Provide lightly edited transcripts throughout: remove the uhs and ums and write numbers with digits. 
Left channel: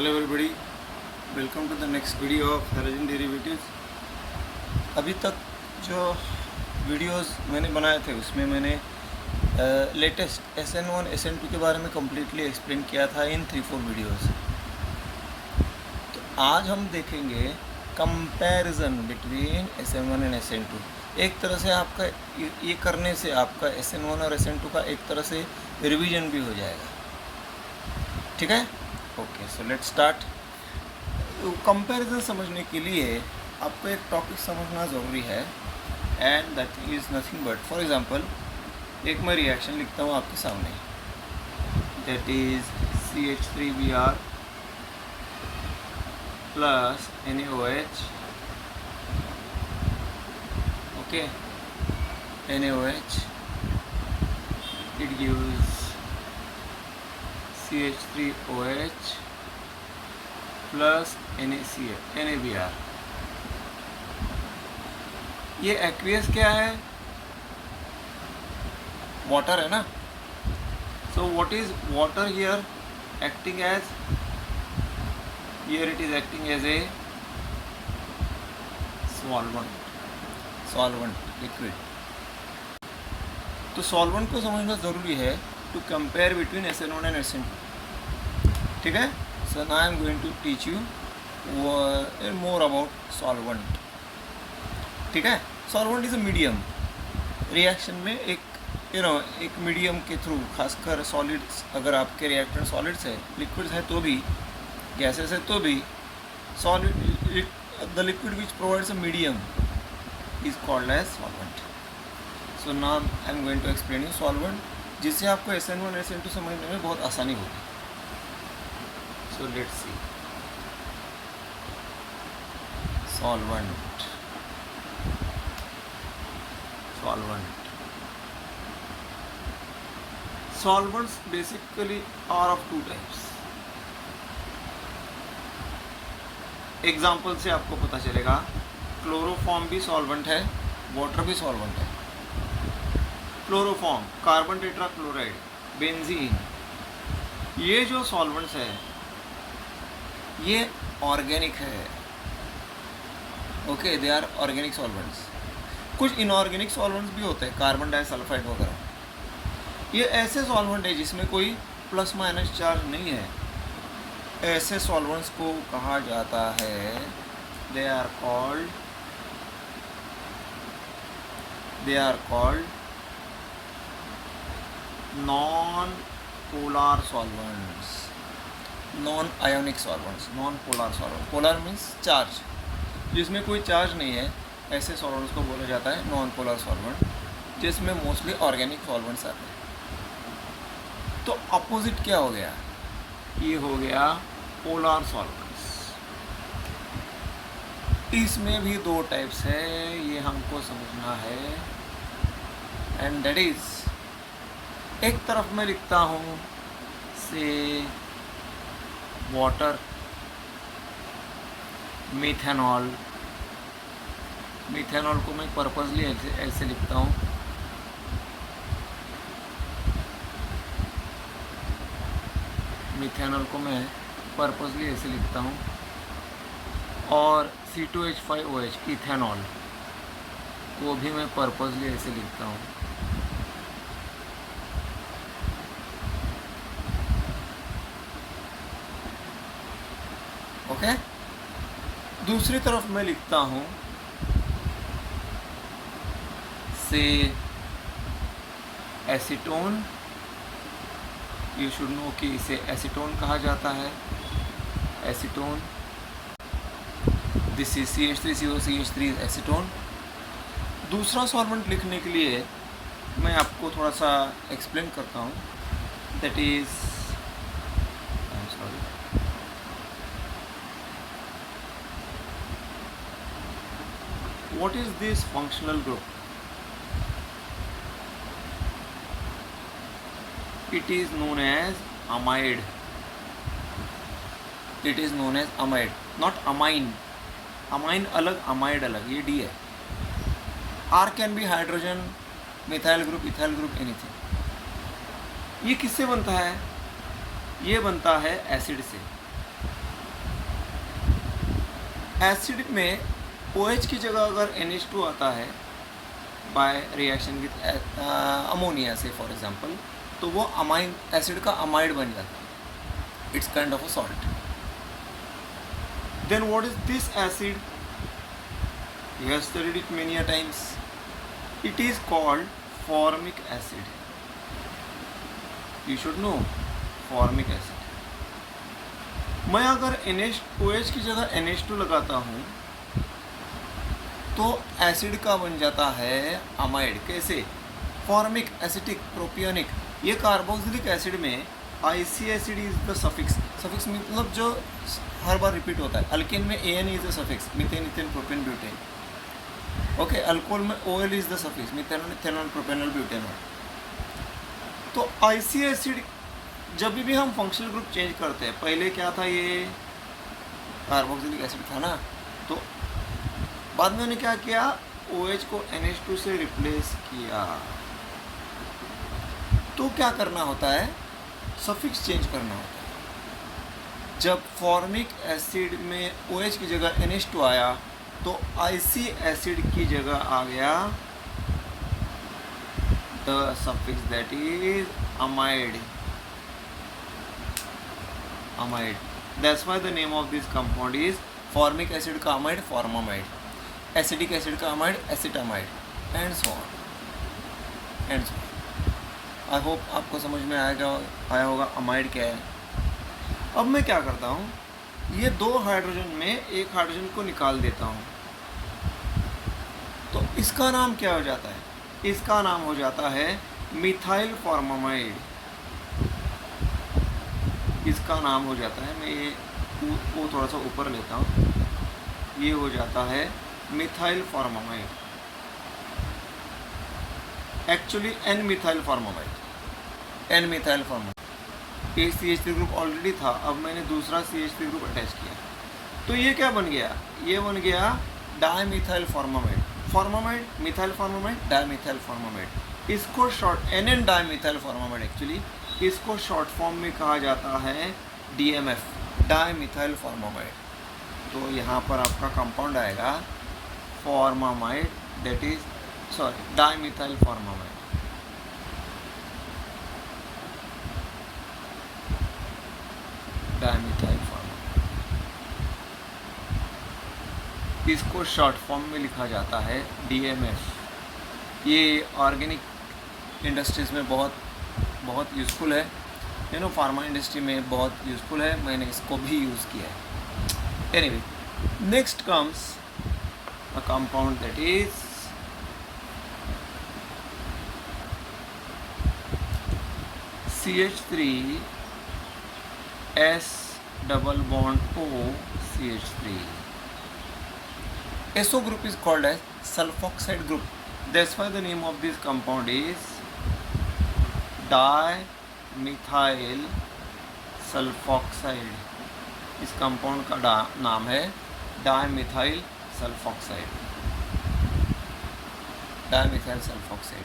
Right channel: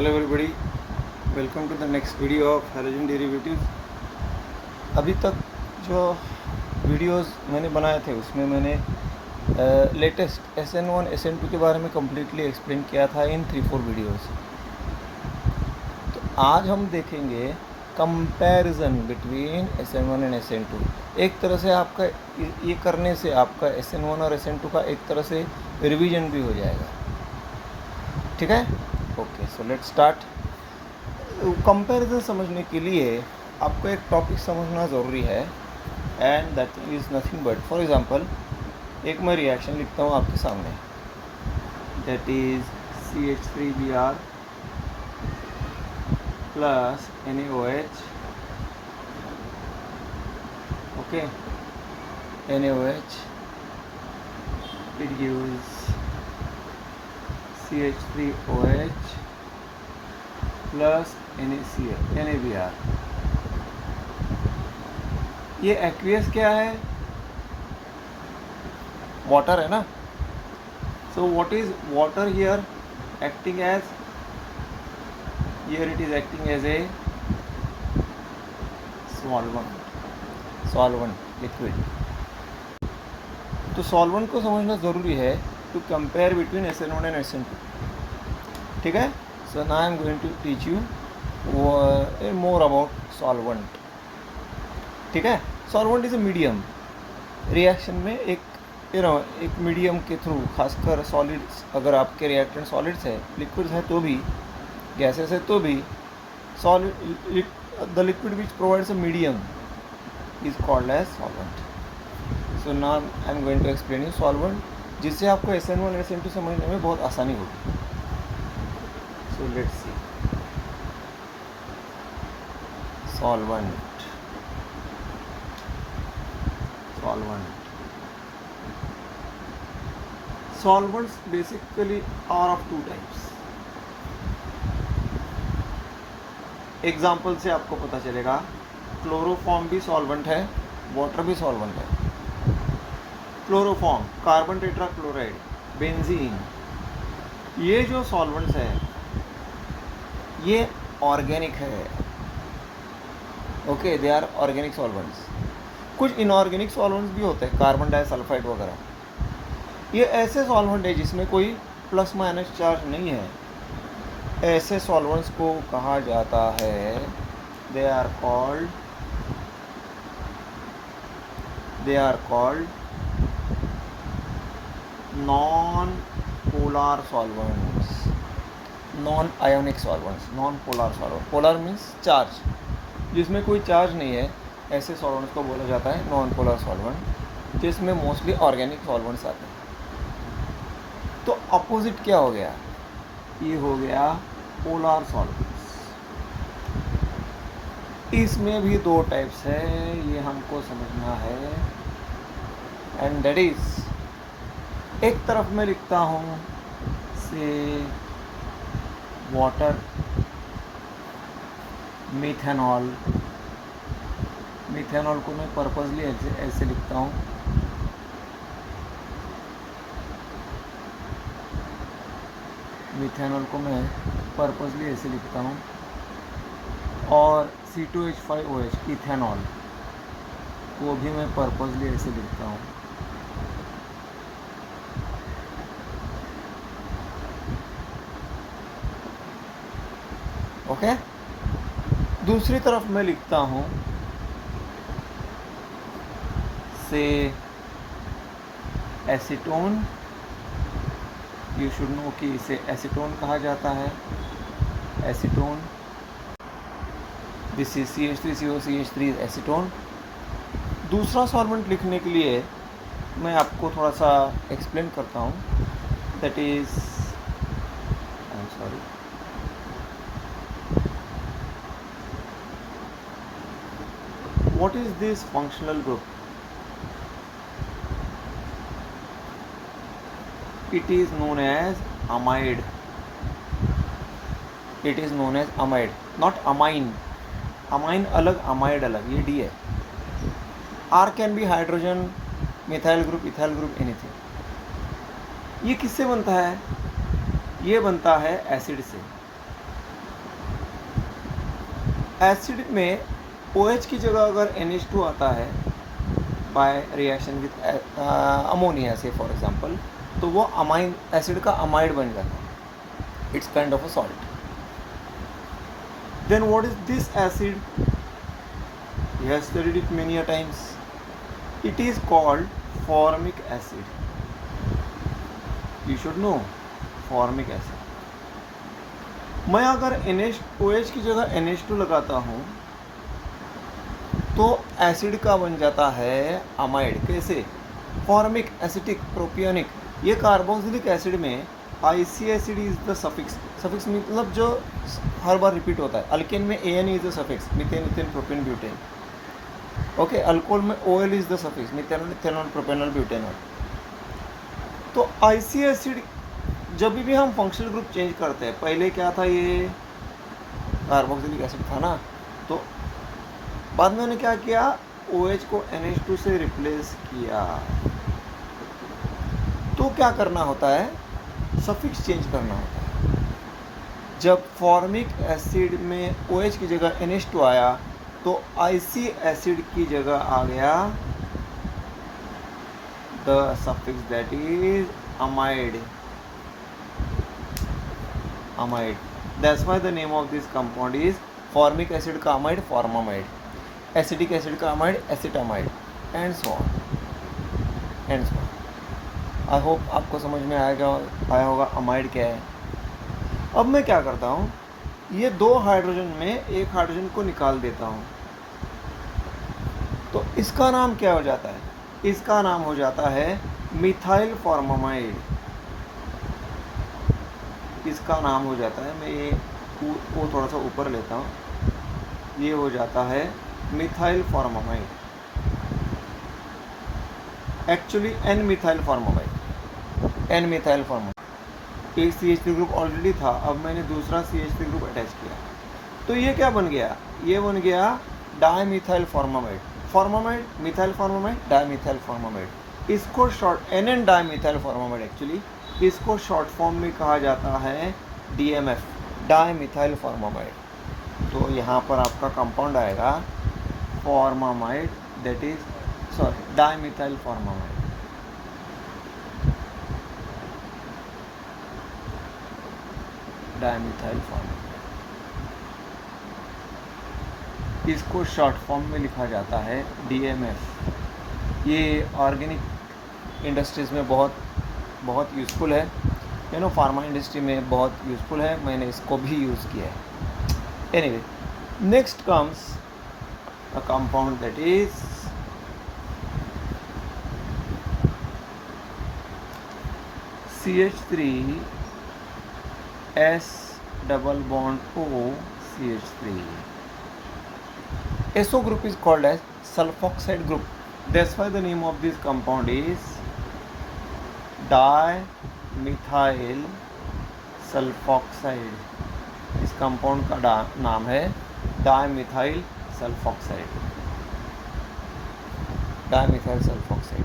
Hello everybody, welcome to the next video of halogen derivatives. अभी तक जो videos मैंने बनाए थे उसमें मैंने लेटेस्ट SN1 SN2 के बारे में कम्प्लीटली एक्सप्लेन किया था इन 3-4 वीडियोस। तो आज हम देखेंगे comparison between SN1 and SN2। एक तरह से आपका ये करने से आपका SN1 और SN2 का एक तरह से रिवीजन भी हो जाएगा। ठीक है, okay, so let's start. Comparison समझने के लिए आपको एक टॉपिक समझना ज़रूरी है, and that is nothing but, for example, एक मैं रिएक्शन लिखता हूँ आपके सामने, that is CH3Br plus NaOH, okay, NaOH, it gives CH3OH plus NaBr। ये एक्वियस क्या है? वाटर है ना। So what is water here? Acting as, here it is acting as a solvent liquid. तो सॉल्वेंट को समझना ज़रूरी है to compare between SN1 and SN2। ठीक है, so now I am going to teach you more about solvent. ठीक है, solvent is a medium. Reaction में एक मीडियम के थ्रू, खासकर सॉलिड्स, अगर आपके रिएक्टेंट सॉलिड्स है, लिक्विड्स है तो भी, गैसेस है तो भी, solid the liquid which provides a medium is called as solvent. So now I am going to explain you solvent, जिससे आपको SN1 SN2 समझने में बहुत आसानी होगी। So let's see solvent. Solvents basically are of two types. Example से आपको पता चलेगा, क्लोरोफॉर्म भी सॉल्वेंट है, वाटर भी सॉल्वेंट है। क्लोरोफॉर्म, कार्बन टेट्राक्लोराइड, बेंजीन, ये जो सॉल्वेंट्स है ये ऑर्गेनिक है। Okay, they are organic solvents. कुछ इनऑर्गेनिक सॉल्वेंट्स भी होते हैं, कार्बन डाइसल्फाइड वगैरह। ये ऐसे सॉल्वेंट है जिसमें कोई प्लस माइनस चार्ज नहीं है। ऐसे सॉल्वेंट्स को कहा जाता है, they are called non polar solvents, non ionic solvents, non polar solvent. Polar means charge, जिसमें कोई चार्ज नहीं है, ऐसे सॉल्वेंट्स को बोला जाता है नॉन पोलर सॉल्वेंट, जिसमें मोस्टली ऑर्गेनिक सॉल्वेंट्स आते हैं। तो अपोजिट क्या हो गया? ये हो गया पोलर सॉल्वेंट्स। इसमें भी दो टाइप्स है, ये हमको समझना है, एंड दैट इज, एक तरफ मैं लिखता हूँ से वाटर, मिथेनॉल। मिथेनॉल को मैं पर्पसली ऐसे लिखता हूँ, मिथेनॉल को मैं पर्पसली ऐसे लिखता हूँ, और C2H5OH इथेनॉल को भी मैं पर्पसली ऐसे लिखता हूँ। ओके, दूसरी तरफ मैं लिखता हूँ से एसीटोन। यू शुड नो कि इसे एसीटोन कहा जाता है, acetone. This is CH3COCH3 acetone. दूसरा सॉल्वेंट लिखने के लिए मैं आपको थोड़ा सा एक्सप्लेन करता हूँ, that is, I am sorry, what is this functional group? It is known as amide. It is known as amide, not amine. Amine अलग, amide अलग, ये D है। R can be hydrogen, methyl group, ethyl group, anything। ये किससे बनता है? ये बनता है एसिड से। एसिड में OH की जगह अगर NH2 आता है बाय रिएक्शन विथ अमोनिया से फॉर एग्जांपल, तो वो अमाइन एसिड का अमाइड बन जाता है. It's kind of a salt. Then what is this acid? You have studied it many a times. It is called formic acid. You should know formic acid. मैं अगर OH की जगह NH2 लगाता हूँ तो एसिड का बन जाता है अमाइड. कैसे? Formic, acetic, propionic. ये कार्बोक्सिलिक एसिड में IC acid is the suffix. Suffix मतलब जो हर बार रिपीट होता है. अल्केन में AN is the suffix, methane, ethane, propane, butane. Okay, alcohol में OL is the suffix, methanol, ethanol, propanol, butanol. तो IC acid जब भी हम फंक्शनल ग्रुप चेंज करते हैं, पहले क्या था, ये कार्बोक्सिलिक एसिड था ना, तो बाद में मैंने क्या किया, OH को NH2 से रिप्लेस किया. तो क्या करना होता है, सफिक्स चेंज करना होता है. जब फॉर्मिक एसिड में OH की जगह NH2 आया तो IC एसिड की जगह आ गया the suffix that is amide. Amide. That's why the name of this compound is formic acid का अमाइड, फॉर्मामाइड. एसिडिक एसिड का amide, acetamide, and so on and so on. I hope आपको समझ में आया होगा अमाइड क्या है. अब मैं क्या करता हूँ, ये 2 हाइड्रोजन में एक हाइड्रोजन को निकाल देता हूँ. तो इसका नाम क्या हो जाता है? इसका नाम हो जाता है मिथाइल फॉर्मामाइड. इसका नाम हो जाता है, मैं ये वो थोड़ा सा ऊपर लेता हूँ, ये हो जाता है methyl formamide. Actually N methyl formamide. N methyl formamide. एक CH3 ग्रुप ऑलरेडी था, अब मैंने दूसरा CH3 ग्रुप अटैच किया. तो ये क्या बन गया? ये बन गया dimethyl formamide. Formamide, methyl formamide, dimethyl formamide. इसको short NN dimethyl formamide. Actually इसको शॉर्ट फॉर्म में कहा जाता है DMF, डायमिथाइल फॉर्मामाइड. तो यहाँ पर आपका कंपाउंड आएगा formamide, that is dimethyl formamide. Dimethyl formamide. इसको शॉर्ट फॉर्म में लिखा जाता है DMF. ये ऑर्गेनिक इंडस्ट्रीज़ में बहुत यूज़फुल है. फार्मा इंडस्ट्री में बहुत यूज़फुल है. मैंने इसको भी यूज़ किया है. Anyway, next comes a compound that is CH3 S double bond O CH3. SO group is called as sulfoxide group. That's why the name of this compound is dimethyl sulfoxide. इस compound का नाम है dimethyl sulphoxide. Dimethyl sulphoxide.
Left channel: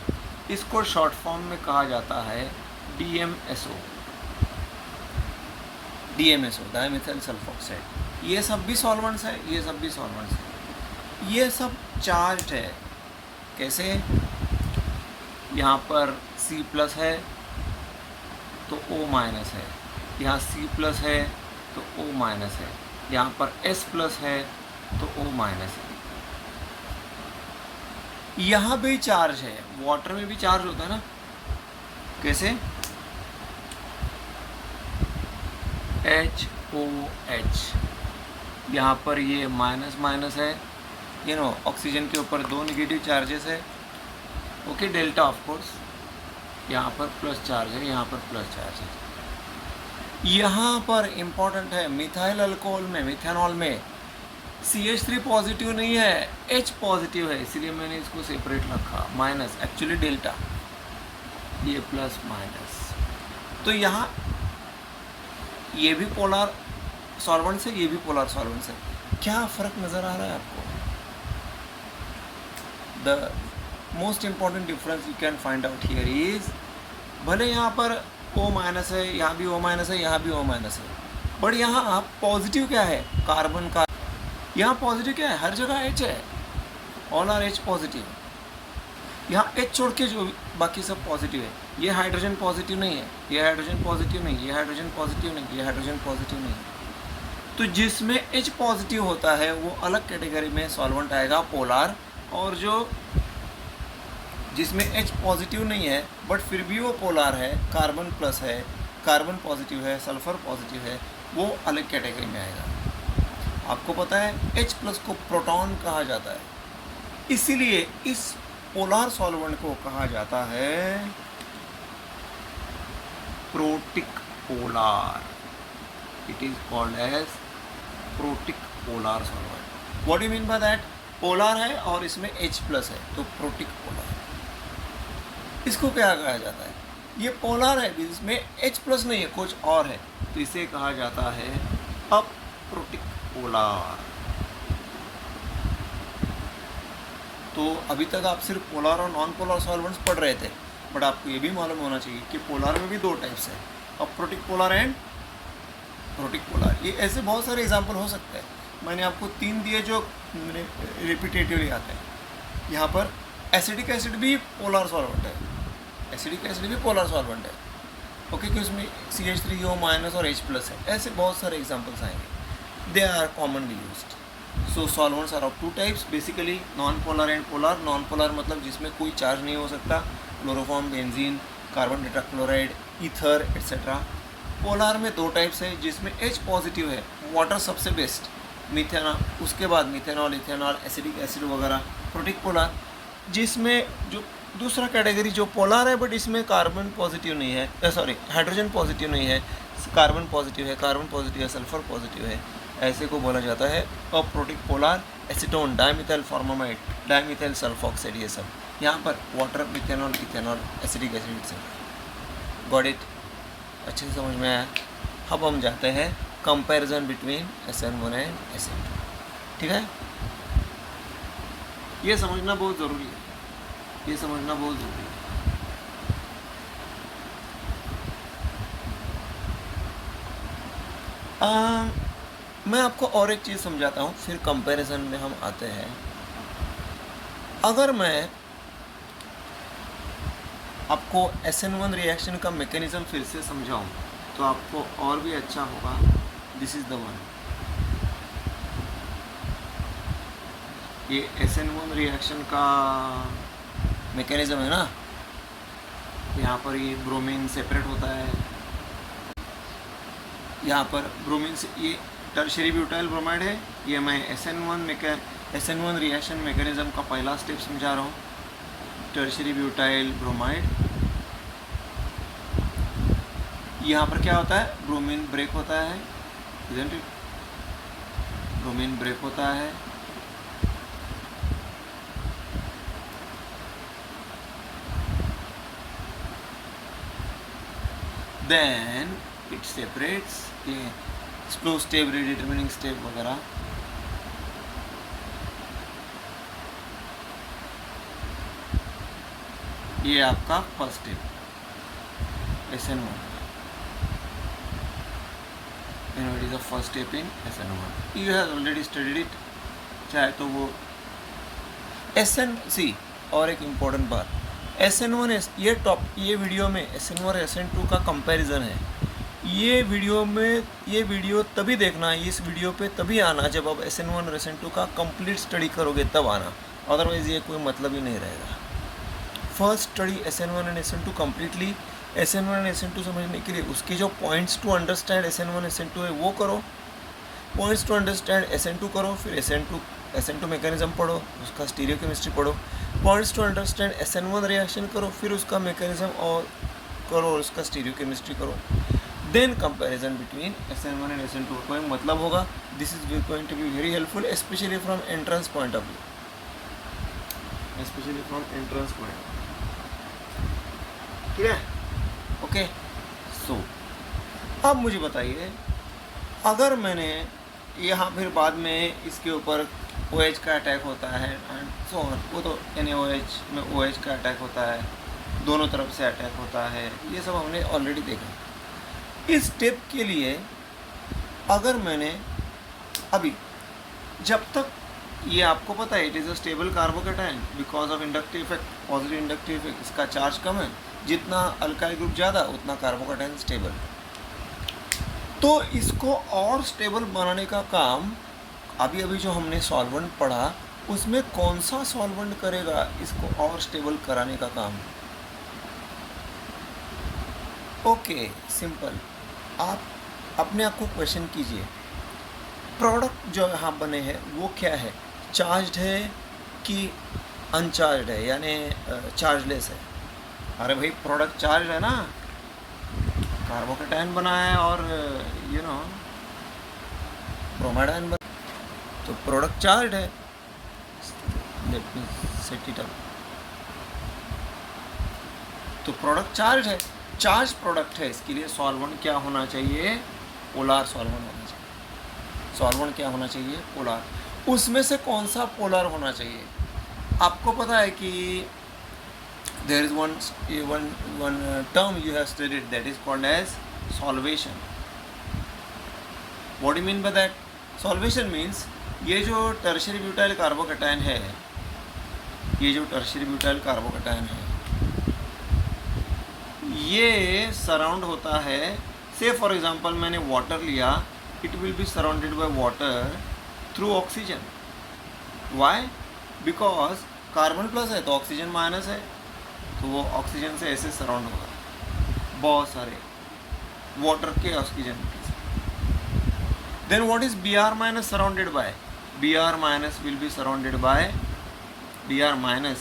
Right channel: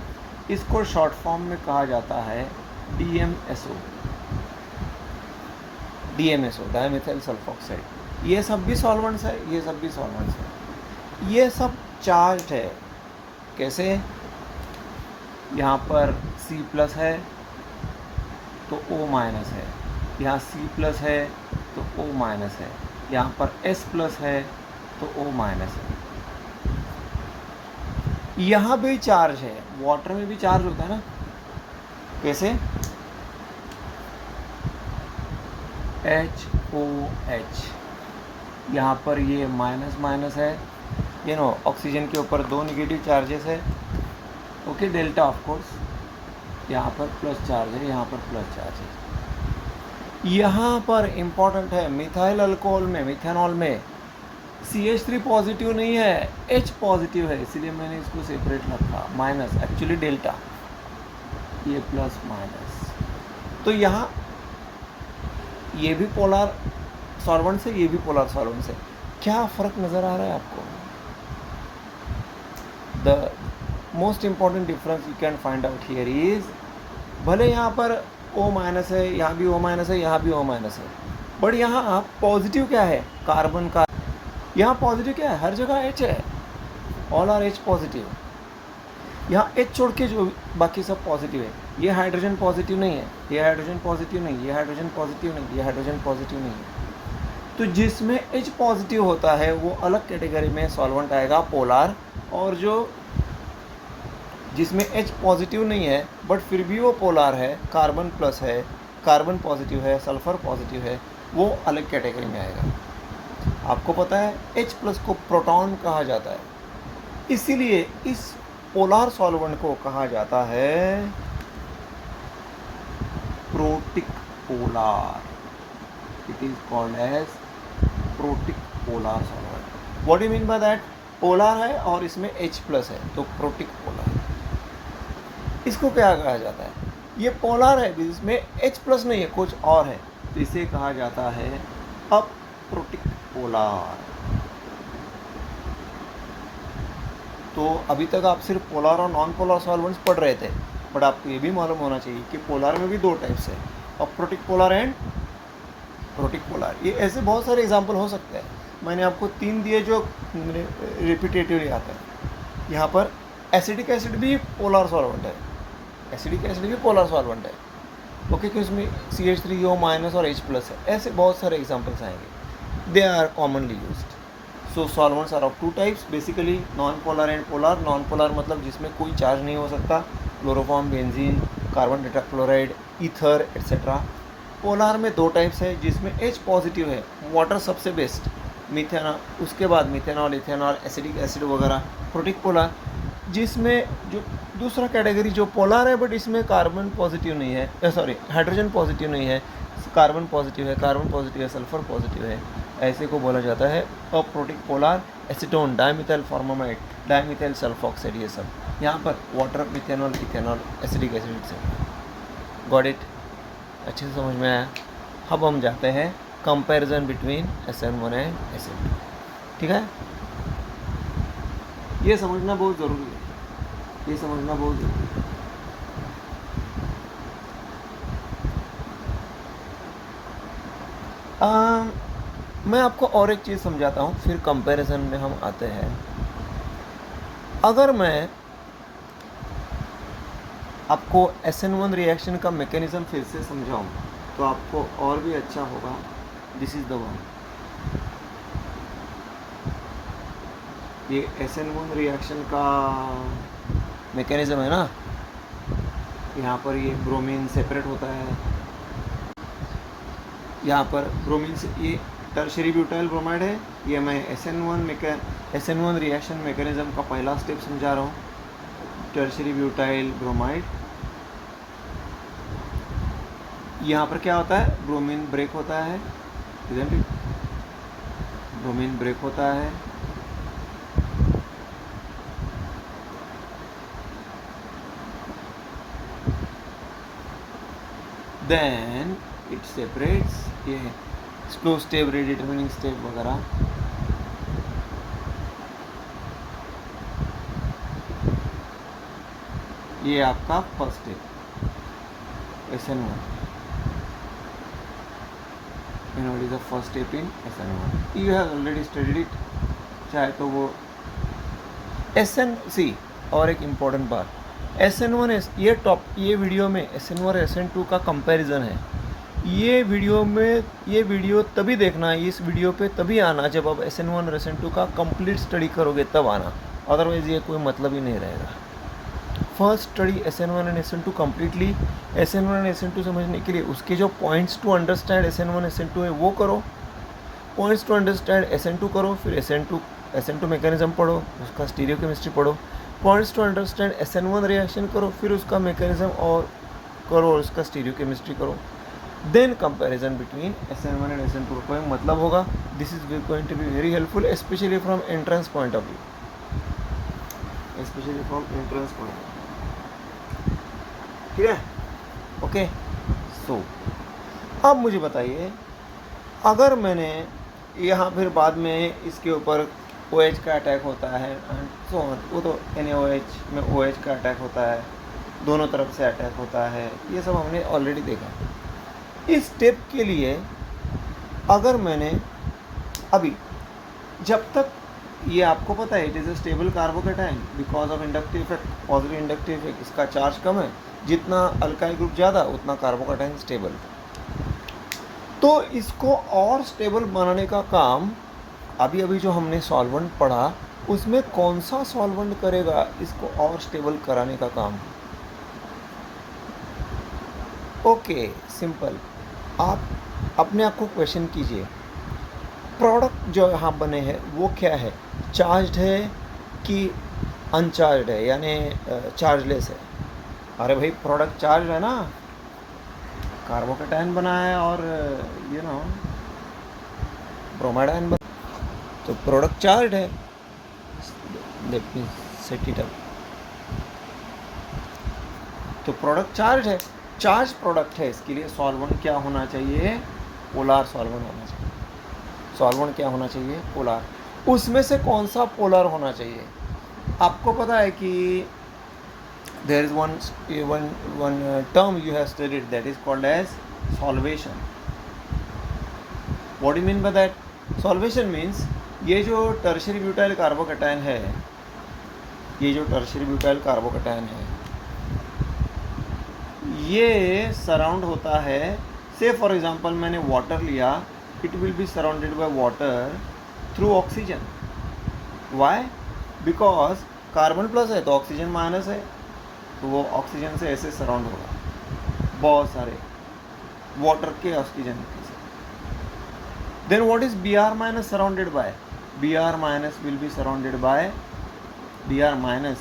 इसको short form में कहा जाता है DMSO. Dimethyl sulphoxide. ये सब भी सॉल्वेंट्स है, ये सब भी सॉल्वेंट्स है. ये सब चार्ज्ड है. कैसे? यहाँ पर C+ है तो O- है, यहाँ C+ है तो O- है, यहाँ पर S+ है तो O- है. यहाँ भी चार्ज है. वाटर में भी चार्ज होता है ना. कैसे? HOH. यहाँ पर ये माइनस है. ऑक्सीजन के ऊपर 2 नेगेटिव चार्जेस है. Okay, delta of course. यहाँ पर प्लस चार्ज है, यहाँ पर प्लस चार्ज है. यहाँ पर इम्पॉर्टेंट है, मिथाइल अल्कोहल में, मिथेनॉल में CH3 पॉजिटिव नहीं है, H पॉजिटिव है, इसलिए मैंने इसको सेपरेट रखा. माइनस, एक्चुअली डेल्टा, ये प्लस माइनस. तो यहाँ ये भी पोलर सॉल्वेंट है, ये भी पोलर सॉल्वेंट है. क्या फ़र्क नज़र आ रहा है आपको? The most important difference you can find out here is, भले यहाँ पर O- है, यहाँ भी O- है, यहाँ भी O- है, बट यहाँ आप पॉजिटिव क्या है? कार्बन का यहाँ पॉजिटिव क्या है, हर जगह H है, ऑल आर H पॉजिटिव। यहाँ H छोड़ के जो बाकी सब पॉजिटिव है। ये हाइड्रोजन पॉजिटिव नहीं है, ये हाइड्रोजन पॉजिटिव नहीं, ये हाइड्रोजन पॉजिटिव नहीं, ये हाइड्रोजन पॉजिटिव नहीं है। तो जिसमें H पॉजिटिव होता है वो अलग कैटेगरी में सॉल्वेंट आएगा, पोलार। और जो जिसमें H पॉजिटिव नहीं है बट फिर भी वो पोलार है, कार्बन प्लस है, कार्बन पॉजिटिव है, सल्फर पॉजिटिव है, वो अलग कैटेगरी में आएगा। आपको पता है H प्लस को प्रोटॉन कहा जाता है, इसीलिए इस पोलार सॉल्वेंट को कहा जाता है protic polar. It is called as protic polar solvent. What do you mean by that? Polar है और इसमें H प्लस है तो प्रोटिक पोलार। इसको क्या कहा जाता है? ये पोलार है जिसमें H प्लस नहीं है, कुछ और है, तो इसे कहा जाता है अप्रोटिक पोलार। तो अभी तक आप सिर्फ पोलार और नॉन पोलार सॉल्वेंट्स पढ़ रहे थे, बट आपको ये भी मालूम होना चाहिए कि पोलार में भी दो टाइप्स है, aprotic polar and protic polar. ये ऐसे बहुत सारे एग्जाम्पल हो सकते हैं। मैंने आपको 3 दिए जो रिपीटेटिवली आते हैं। यहाँ पर एसिडिक एसिड भी पोलार सॉल्वेंट है, एसिडिक एसिड भी पोलार सॉल्वेंट है, ओके, कि उसमें CH3O- और H प्लस है। ऐसे बहुत सारे एग्जाम्पल्स आएंगे, they are commonly used. So solvents are of 2 types basically, non polar and polar. Non polar मतलब जिसमें कोई चार्ज नहीं हो सकता, chloroform, benzene, carbon tetrachloride, ether etcetera. Polar में 2 टाइप्स है जिसमें H पॉजिटिव है, वाटर सबसे बेस्ट, मिथेनॉल, उसके बाद मिथेनॉल, इथेनॉल, एसिडिक एसिड वगैरह। प्रोटिक पोलर जिसमें जो दूसरा कैटेगरी जो पोलर है बट इसमें कार्बन पॉजिटिव नहीं है, हाइड्रोजन पॉजिटिव नहीं है, कार्बन पॉजिटिव है, कार्बन पॉजिटिव है, सल्फर पॉजिटिव है, ऐसे को बोला जाता है aprotic polar. Acetone, dimethyl formamide, dimethyl sulfoxide, ये सब यहाँ पर water, methanol, ethanol, acidic acid से। Got it? अच्छे से समझ में आया? अब हम जाते हैं comparison between SN1 and SN2। ठीक है, ये समझना बहुत ज़रूरी है, ये समझना बहुत ज़रूरी है। मैं आपको और एक चीज़ समझाता हूँ, फिर कंपैरिजन में हम आते हैं। अगर मैं आपको SN1 रिएक्शन का मैकेनिज्म फिर से समझाऊँ तो आपको और भी अच्छा होगा। दिस इज़ द वन, ये SN1 रिएक्शन का मैकेनिज्म है ना। यहाँ पर ये ब्रोमीन सेपरेट होता है, यहाँ पर ब्रोमीन से ये टर्शियरी ब्यूटाइल ब्रोमाइड है। ये मैं SN1 रिएक्शन मैकेनिज्म का पहला स्टेप समझा रहा हूँ, टर्शियरी ब्यूटाइल ब्रोमाइड। यहाँ पर क्या होता है, ब्रोमीन ब्रेक होता है, ब्रोमीन ब्रेक होता है, देन इट सेपरेट्स, ये स्लो स्टेप, रिडिटर्मिनिंग स्टेप वगैरह। ये आपका first step SN1, and what is the first step in SN1? You have already studied it, चाहे तो वो SN और एक इम्पोर्टेंट बात, SN1 ये वीडियो में SN1 SN2 का कंपैरिजन है। ये वीडियो तभी देखना है, इस वीडियो पे तभी आना जब आप SN1 और SN2 का कंप्लीट स्टडी करोगे, तब आना, अदरवाइज़ ये कोई मतलब ही नहीं रहेगा। First study SN1 and SN2 completely. SN1 and SN2 समझने के लिए उसके जो points to understand SN1 SN2 है वो करो, पॉइंट्स टू अंडरस्टैंड SN2 करो, फिर SN2 मैकेनिज्म पढ़ो, उसका स्टीरियो केमिस्ट्री पढ़ो, points to understand SN1 reaction करो, फिर उसका मैकेनिज्म और करो और उसका स्टीरियो केमिस्ट्री करो, then comparison between SN1 and SN2 का मतलब होगा। This is going to be very helpful specially from entrance point of view, specially from entrance point. ठीक है, ओके। सो अब मुझे बताइए, अगर मैंने यहाँ फिर बाद में इसके ऊपर OH का अटैक होता है एंड सो ऑन, वो तो NaOH में OH का अटैक होता है, दोनों तरफ से अटैक होता है, ये सब हमने ऑलरेडी देखा। इस स्टेप के लिए अगर मैंने अभी जब तक ये आपको पता है it is a stable carbocation because of inductive effect, positive inductive effect, इसका चार्ज कम है, जितना अल्काइल ग्रुप ज़्यादा उतना कार्बोकेटाइन स्टेबल। तो इसको और स्टेबल बनाने का काम अभी अभी जो हमने सॉल्वेंट पढ़ा उसमें कौन सा सॉल्वेंट करेगा इसको और स्टेबल कराने का काम? Okay, simple. आप अपने आप को क्वेश्चन कीजिए, प्रोडक्ट जो यहाँ बने हैं वो क्या है, चार्ज्ड है कि अनचार्ज्ड है, यानी चार्जलेस है? अरे भाई प्रोडक्ट चार्ज है ना, कार्बोकेटाइन बना है और ब्रोमाडाइन बना, तो प्रोडक्ट चार्ज है। Let me set it up. तो प्रोडक्ट चार्ज है, चार्ज प्रोडक्ट है, इसके लिए सॉल्वेंट क्या होना चाहिए? पोलार सॉल्वेंट होना चाहिए। सॉल्वेंट क्या होना चाहिए? पोलार। उसमें से कौन सा पोलर होना चाहिए? आपको पता है कि there is one term you have studied that is called as solvation. What do you mean by that? Solvation means ये जो टर्शियरी ब्यूटाइल कार्बोकेटाइन है, ये जो टर्शियरी ब्यूटाइल कार्बोकेटाइन है, ये सराउंड होता है, से फॉर एग्जांपल मैंने वाटर लिया, it will be surrounded by water through oxygen. Why? Because carbon plus है तो ऑक्सीजन माइनस है, तो वो ऑक्सीजन से ऐसे सराउंड होगा, बहुत सारे वाटर के oxygen. Then what is B R minus surrounded by? B R minus will be surrounded by, B R minus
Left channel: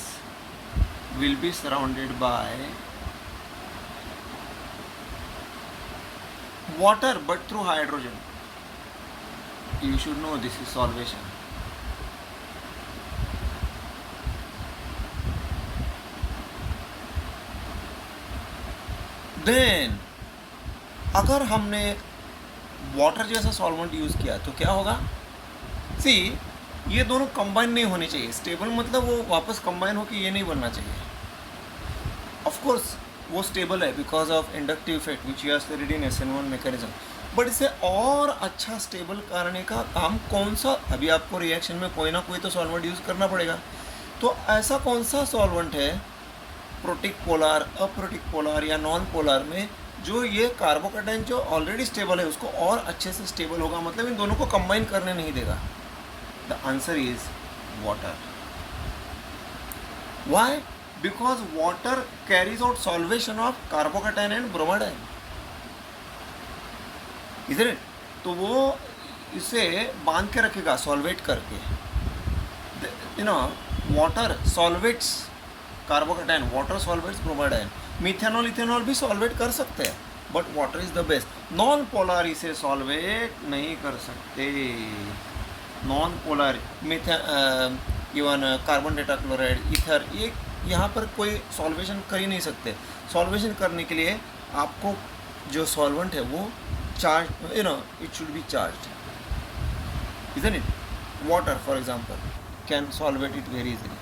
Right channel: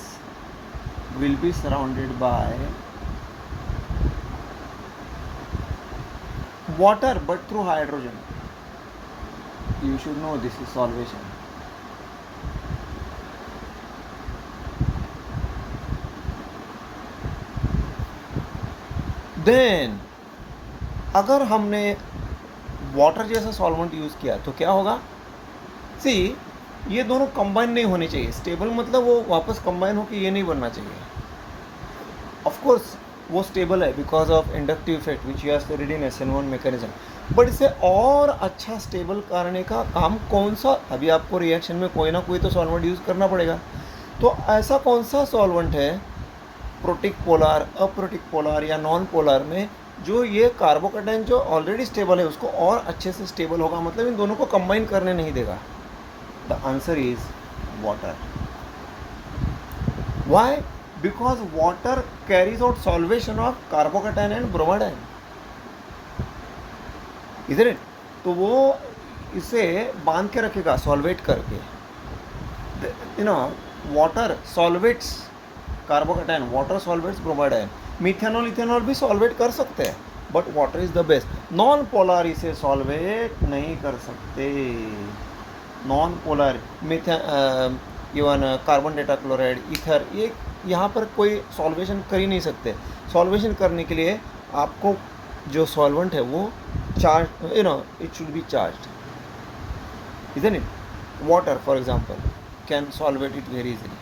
will be surrounded by water but through hydrogen. You should know this is solvation. Then अगर हमने water जैसा solvent use किया तो क्या होगा? सी, ये दोनों combine नहीं होने चाहिए। स्टेबल मतलब वो वापस कंबाइन होकर ये नहीं बनना चाहिए। ऑफ कोर्स वो स्टेबल है because of inductive effect which you have studied in SN1 mechanism, but इसे और अच्छा स्टेबल करने का काम कौन सा? अभी आपको रिएक्शन में कोई ना कोई तो सॉल्वेंट यूज़ करना पड़ेगा। तो ऐसा कौन सा सॉल्वेंट है प्रोटिक पोलार, अप्रोटिक पोलार या नॉन पोलार में, जो ये कार्बोकेटाइन जो ऑलरेडी स्टेबल है उसको और अच्छे से स्टेबल होगा, मतलब इन दोनों को कंबाइन करने नहीं देगा? The answer is water. Why? Because water carries out solvation of carbocation and bromidine, isn't it? तो वो इसे बांध के रखेगा सॉल्वेट करके। Water solvates carbocation, water solvates bromide ion. Methanol ethanol भी सॉल्वेट कर सकते हैं, but water is the best. Non polar इसे सॉल्वेट नहीं कर सकते। Non polar even carbon tetrachloride, ether, ये यहाँ पर कोई सॉल्वेशन कर ही नहीं सकते। सॉल्वेशन करने के लिए आपको जो सॉल्वेंट है वो charge, it should be charged, isn't it? Water for example can solvate it very easily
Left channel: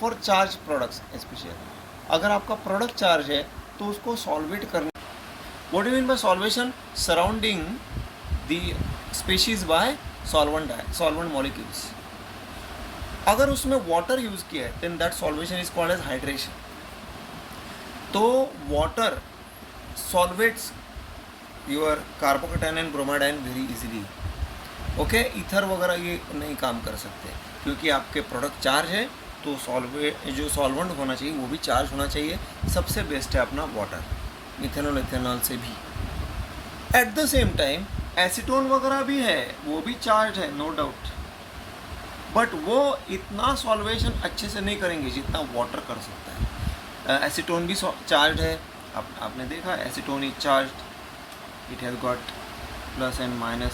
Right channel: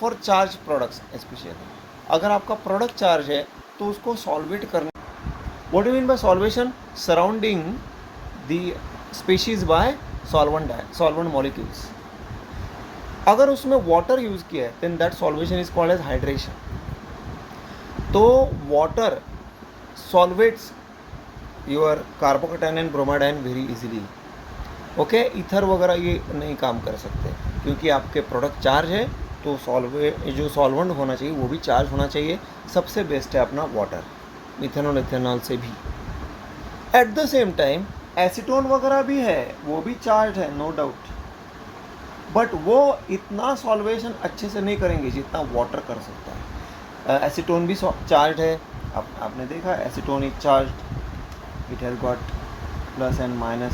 for charged products especially. अगर आपका प्रोडक्ट चार्ज है तो उसको सॉल्वेट करने, what do you mean by solvation? Surrounding the species by solvent molecules. अगर उसमें water use किया है then that solvation is called as hydration. तो water solvates your carbocation and bromide ion very easily. Okay, ether वगैरह ये नहीं काम कर सकते क्योंकि आपके प्रोडक्ट चार्ज है, तो जो सॉल्वेंट होना चाहिए वो भी चार्ज होना चाहिए। सबसे बेस्ट है अपना वाटर, मिथेनॉल इथेनॉल से भी। At the same time acetone वगैरह भी है, वो भी चार्ज है, नो डाउट, बट वो इतना सॉल्वेशन अच्छे से नहीं करेंगे जितना वाटर कर सकता है। एसीटोन भी चार्ज है, आपने देखा acetone is charge, it has got plus and minus,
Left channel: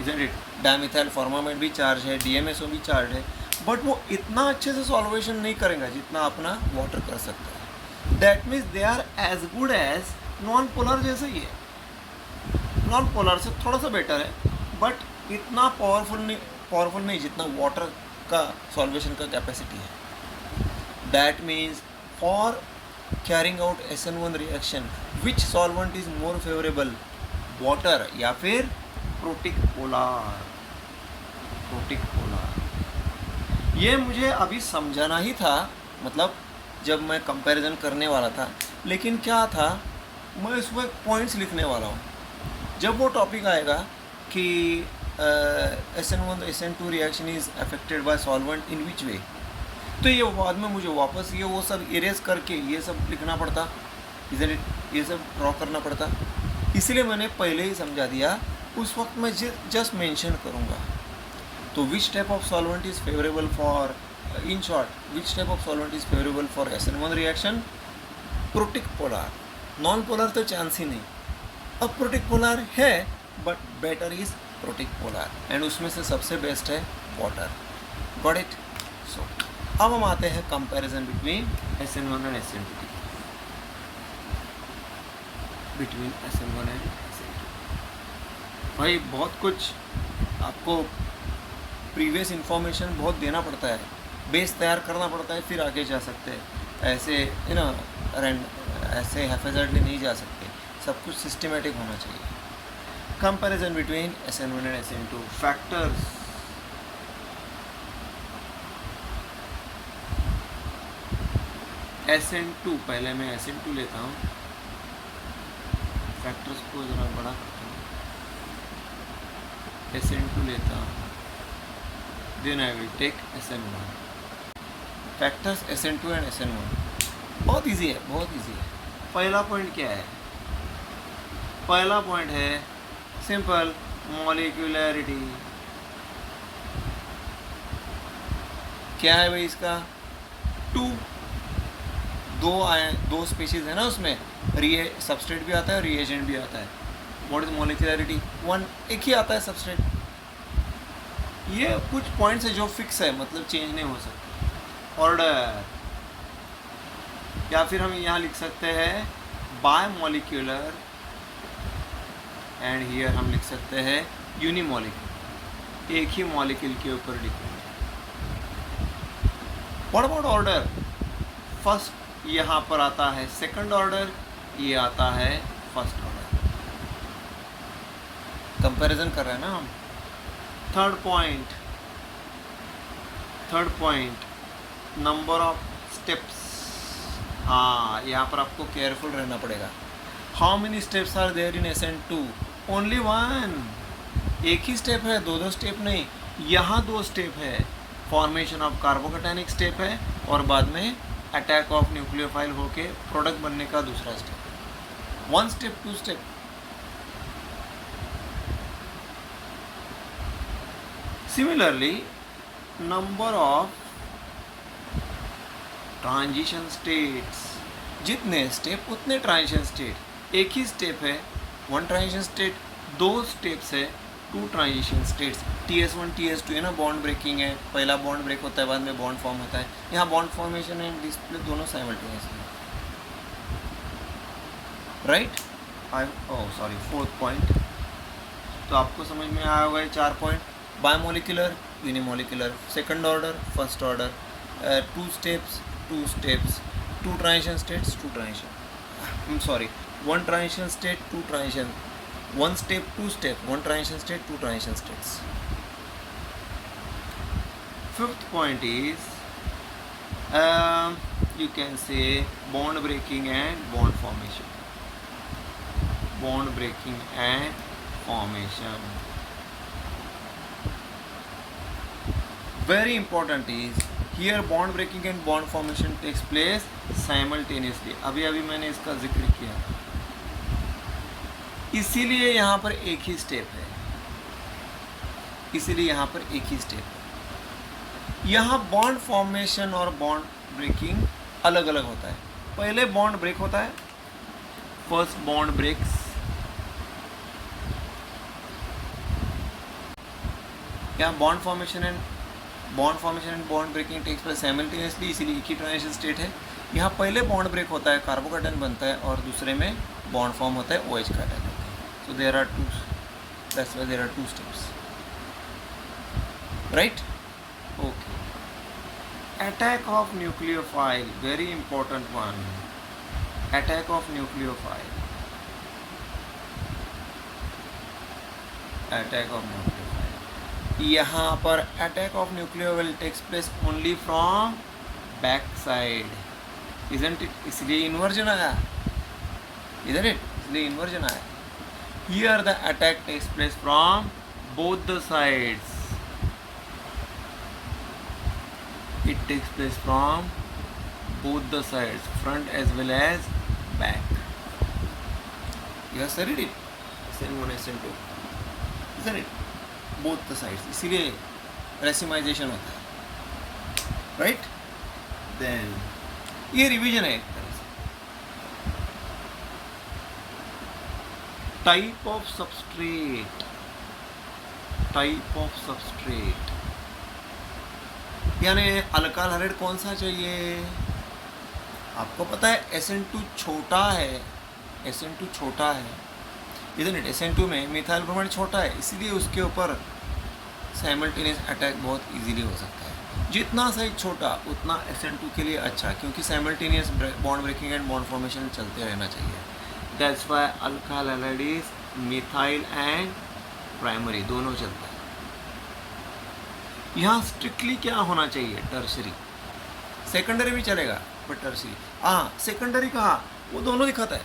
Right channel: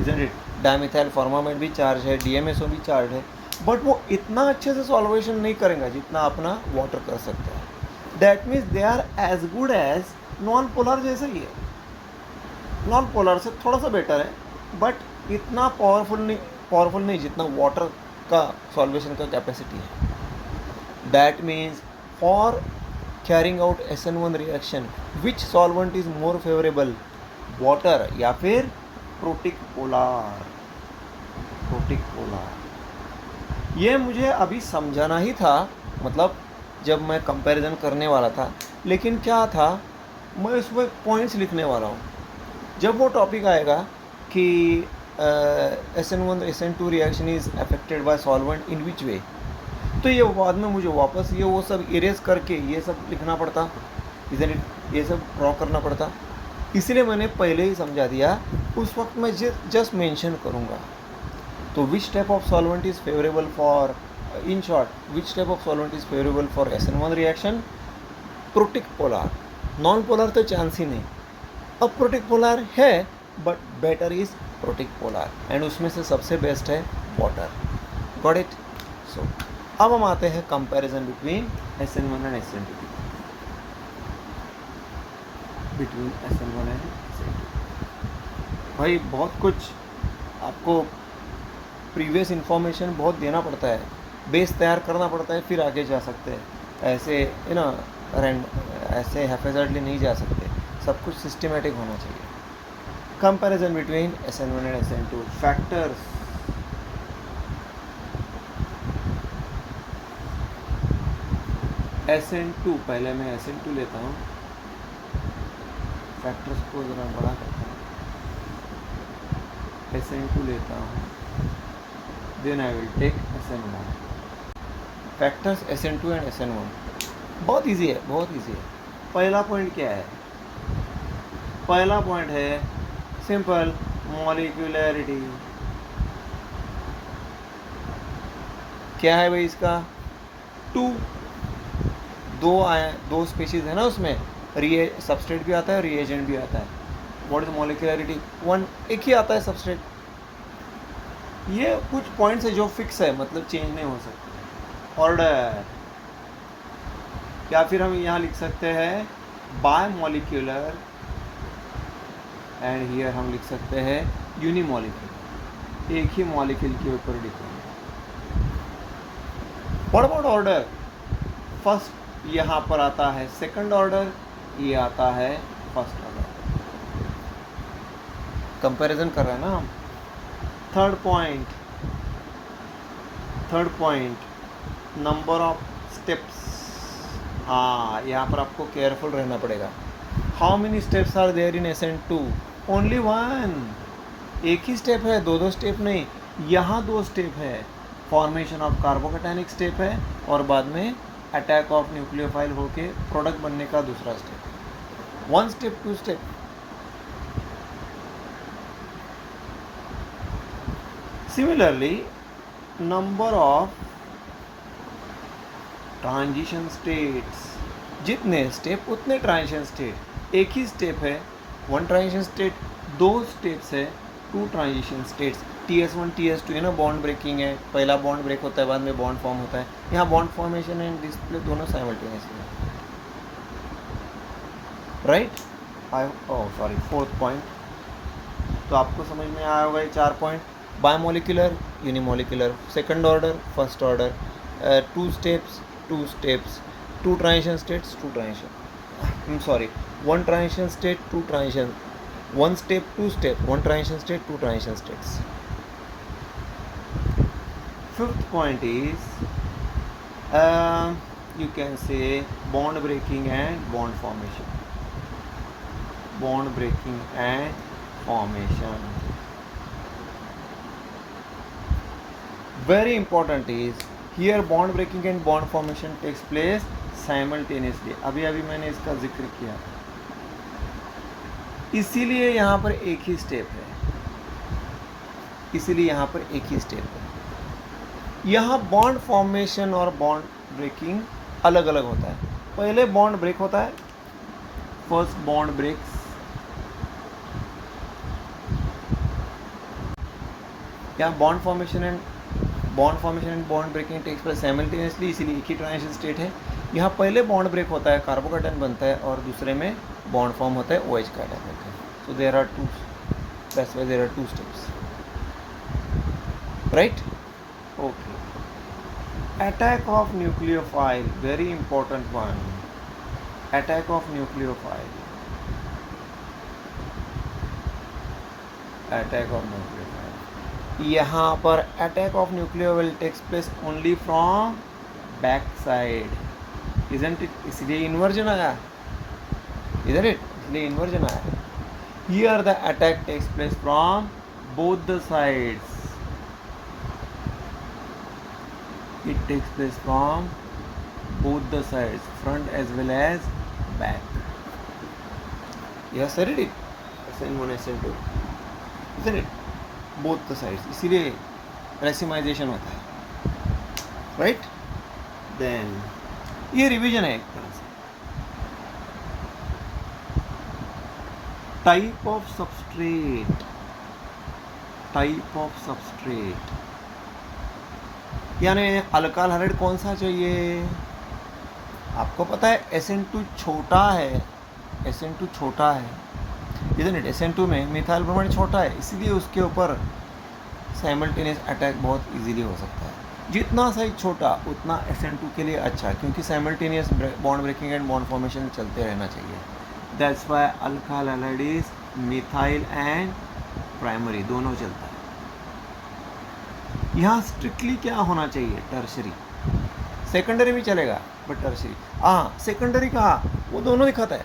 isn't it? Dimethyl formamate भी चार्ज है, DMSO भी चार्ज है, बट वो इतना अच्छे से सॉल्वेशन नहीं करेगा जितना अपना वाटर कर सकता है। That means they are as good as non polar जैसे ही है। नॉन पोलर से थोड़ा सा बेटर है, बट इतना पावरफुल नहीं जितना वाटर का सॉल्वेशन का कैपेसिटी है। That means for carrying out SN1 reaction which solvent is more favourable, water या फिर प्रोटिक पोलार? Protic polar. ये मुझे अभी समझाना ही था, मतलब जब मैं कंपैरिजन करने वाला था, लेकिन क्या था, मैं उसमें पॉइंट्स लिखने वाला हूँ। जब वो टॉपिक आएगा कि SN1 SN2 reaction is affected by solvent in which way, तो ये बाद में मुझे वापस ये वो सब इरेज करके ये सब लिखना पड़ता, इधर ये सब ड्रॉ करना पड़ता। इसलिए मैंने पहले ही समझा दिया, उस वक्त मैं जस्ट मेंशन करूँगा। तो which type of solvent is favourable for, in short, which type of solvent is favourable for SN1 reaction? Protic polar. Non polar तो चांस ही नहीं। अब प्रोटिक पोलार है, but better is protic polar, and उसमें से सबसे best है water. Got it? सो अब हम आते हैं comparison between SN1 and SN2, between SN1 and SN2। भाई बहुत कुछ आपको प्रीवियस इन्फॉर्मेशन बहुत देना पड़ता है, बेस तैयार करना पड़ता है, फिर आगे जा सकते हैं। ऐसे ऐसे हैफेजर्डली नहीं जा सकते, सब कुछ सिस्टमेटिक होना चाहिए। Comparison between SN1 and SN2 factors. SN2, पहले मैं SN2 लेता हूँ, फैक्टर्स को ज़रा बड़ा करता हूँ, SN2 लेता हूँ, then I will take SN1। Factors SN2 and SN1 बहुत इजी है, बहुत इजी है। पहला पॉइंट क्या है? पहला पॉइंट है सिंपल मॉलिक्यूलैरिटी। क्या है भाई इसका? दो स्पीशीज है ना उसमें, सबस्ट्रेट भी आता है, रिएजेंट भी आता है। What is मॉलिक्यूलैरिटी? वन, एक ही आता है सबस्ट्रेट। ये कुछ पॉइंट्स है जो फिक्स है, मतलब चेंज नहीं हो सकते। ऑर्डर, या फिर हम यहाँ लिख सकते हैं बाय मॉलिक्यूलर, एंड हियर हम लिख सकते हैं यूनिमॉलिक्यूलर, एक ही मॉलिक्यूल के ऊपर depend. What about order? First यहाँ पर आता है सेकंड ऑर्डर, ये आता है फर्स्ट ऑर्डर। कंपैरिजन कर रहे हैं ना हम। Third point number of steps. हाँ, यहाँ पर आपको केयरफुल रहना पड़ेगा। How many steps are there in SN2? Only one. एक ही स्टेप है, दो स्टेप नहीं। यहाँ 2 स्टेप है। फॉर्मेशन ऑफ कार्बोकैटायनिक स्टेप है, और बाद में अटैक ऑफ न्यूक्लियोफाइल होके प्रोडक्ट बनने का दूसरा step. 1 step 2 step. Similarly number of transition states, जितने स्टेप उतने ट्रांजिशन स्टेट। एक ही स्टेप है, 1 ट्रांजिशन स्टेट, 2 स्टेप्स है, 2 ट्रांजिशन स्टेट्स। TS1 TS2 है ना, बॉन्ड ब्रेकिंग है, पहला बॉन्ड ब्रेक होता है, बाद में बॉन्ड फॉर्म होता है। यहाँ बॉन्ड फॉर्मेशन एंड डिस्प्ले दोनों साइमल्टेनियसली है, राइट? Sorry, 4th point. तो आपको समझ में आया होगा ये 4 point. Biomolecular, unimolecular, second order, first order, 2 steps, 2 transition states, 2 transition, sorry, 1 transition state, 2 transition, 1 step 2 step, 1 transition state, 2 transition states. 5th point is you can say bond breaking and bond formation. Bond breaking and formation. Very important is here bond breaking and bond formation takes place simultaneously. अभी मैंने इसका जिक्र किया, इसीलिए यहाँ पर एक ही स्टेप है, इसीलिए यहाँ पर एक ही स्टेप है। यहाँ बॉन्ड फॉर्मेशन और बॉन्ड ब्रेकिंग अलग अलग होता है। पहले बॉन्ड ब्रेक होता है, फर्स्ट बॉन्ड ब्रेक्स, यहाँ bond formation and bond breaking takes place simultaneously, इसीलिए एक ही ट्रांजिशन स्टेट है। यहाँ पहले बॉन्ड ब्रेक होता है, कार्बोकैटायन बनता है, और दूसरे में बॉन्ड फॉर्म होता है, OH का अटैक होता है। So there are 2, that's why there are 2 steps, right? Okay. Attack of nucleophile, very important one. Attack of nucleophile. Attack of nucleophile. यहाँ पर attack of nuclear will takes place only from back side, isn't it, इसलिए inversion आया, इधर it, इसलिए inversion आया. Here the attack takes place from both the sides, it takes place from both the sides, front as well as back. You have studied it, SN1 SN2, isn't it? Both the sides, इसीलिए racemization होता है, right? Then ये revision है एक तरह से. Type of substrate, type of substrate यानी alkyl hydride कौन सा चाहिए. आपको पता है SN2 छोटा है, SN2 छोटा है, इधर नहीं, SN2 में मिथाइल ब्रोमाइड छोटा है, इसलिए उसके ऊपर साइमल्टेनियस अटैक बहुत इजीली हो सकता है. जितना साइज छोटा उतना SN2 के लिए अच्छा, क्योंकि simultaneous bond breaking and bond formation चलते रहना चाहिए. That's why alkyl hydride is methyl and primary दोनों चलता है. यहाँ स्ट्रिक्टली क्या होना चाहिए, टर्शरी. सेकेंडरी भी चलेगा बट टर्शरी. हाँ, सेकेंडरी कहा, वो दोनों दिखाता है,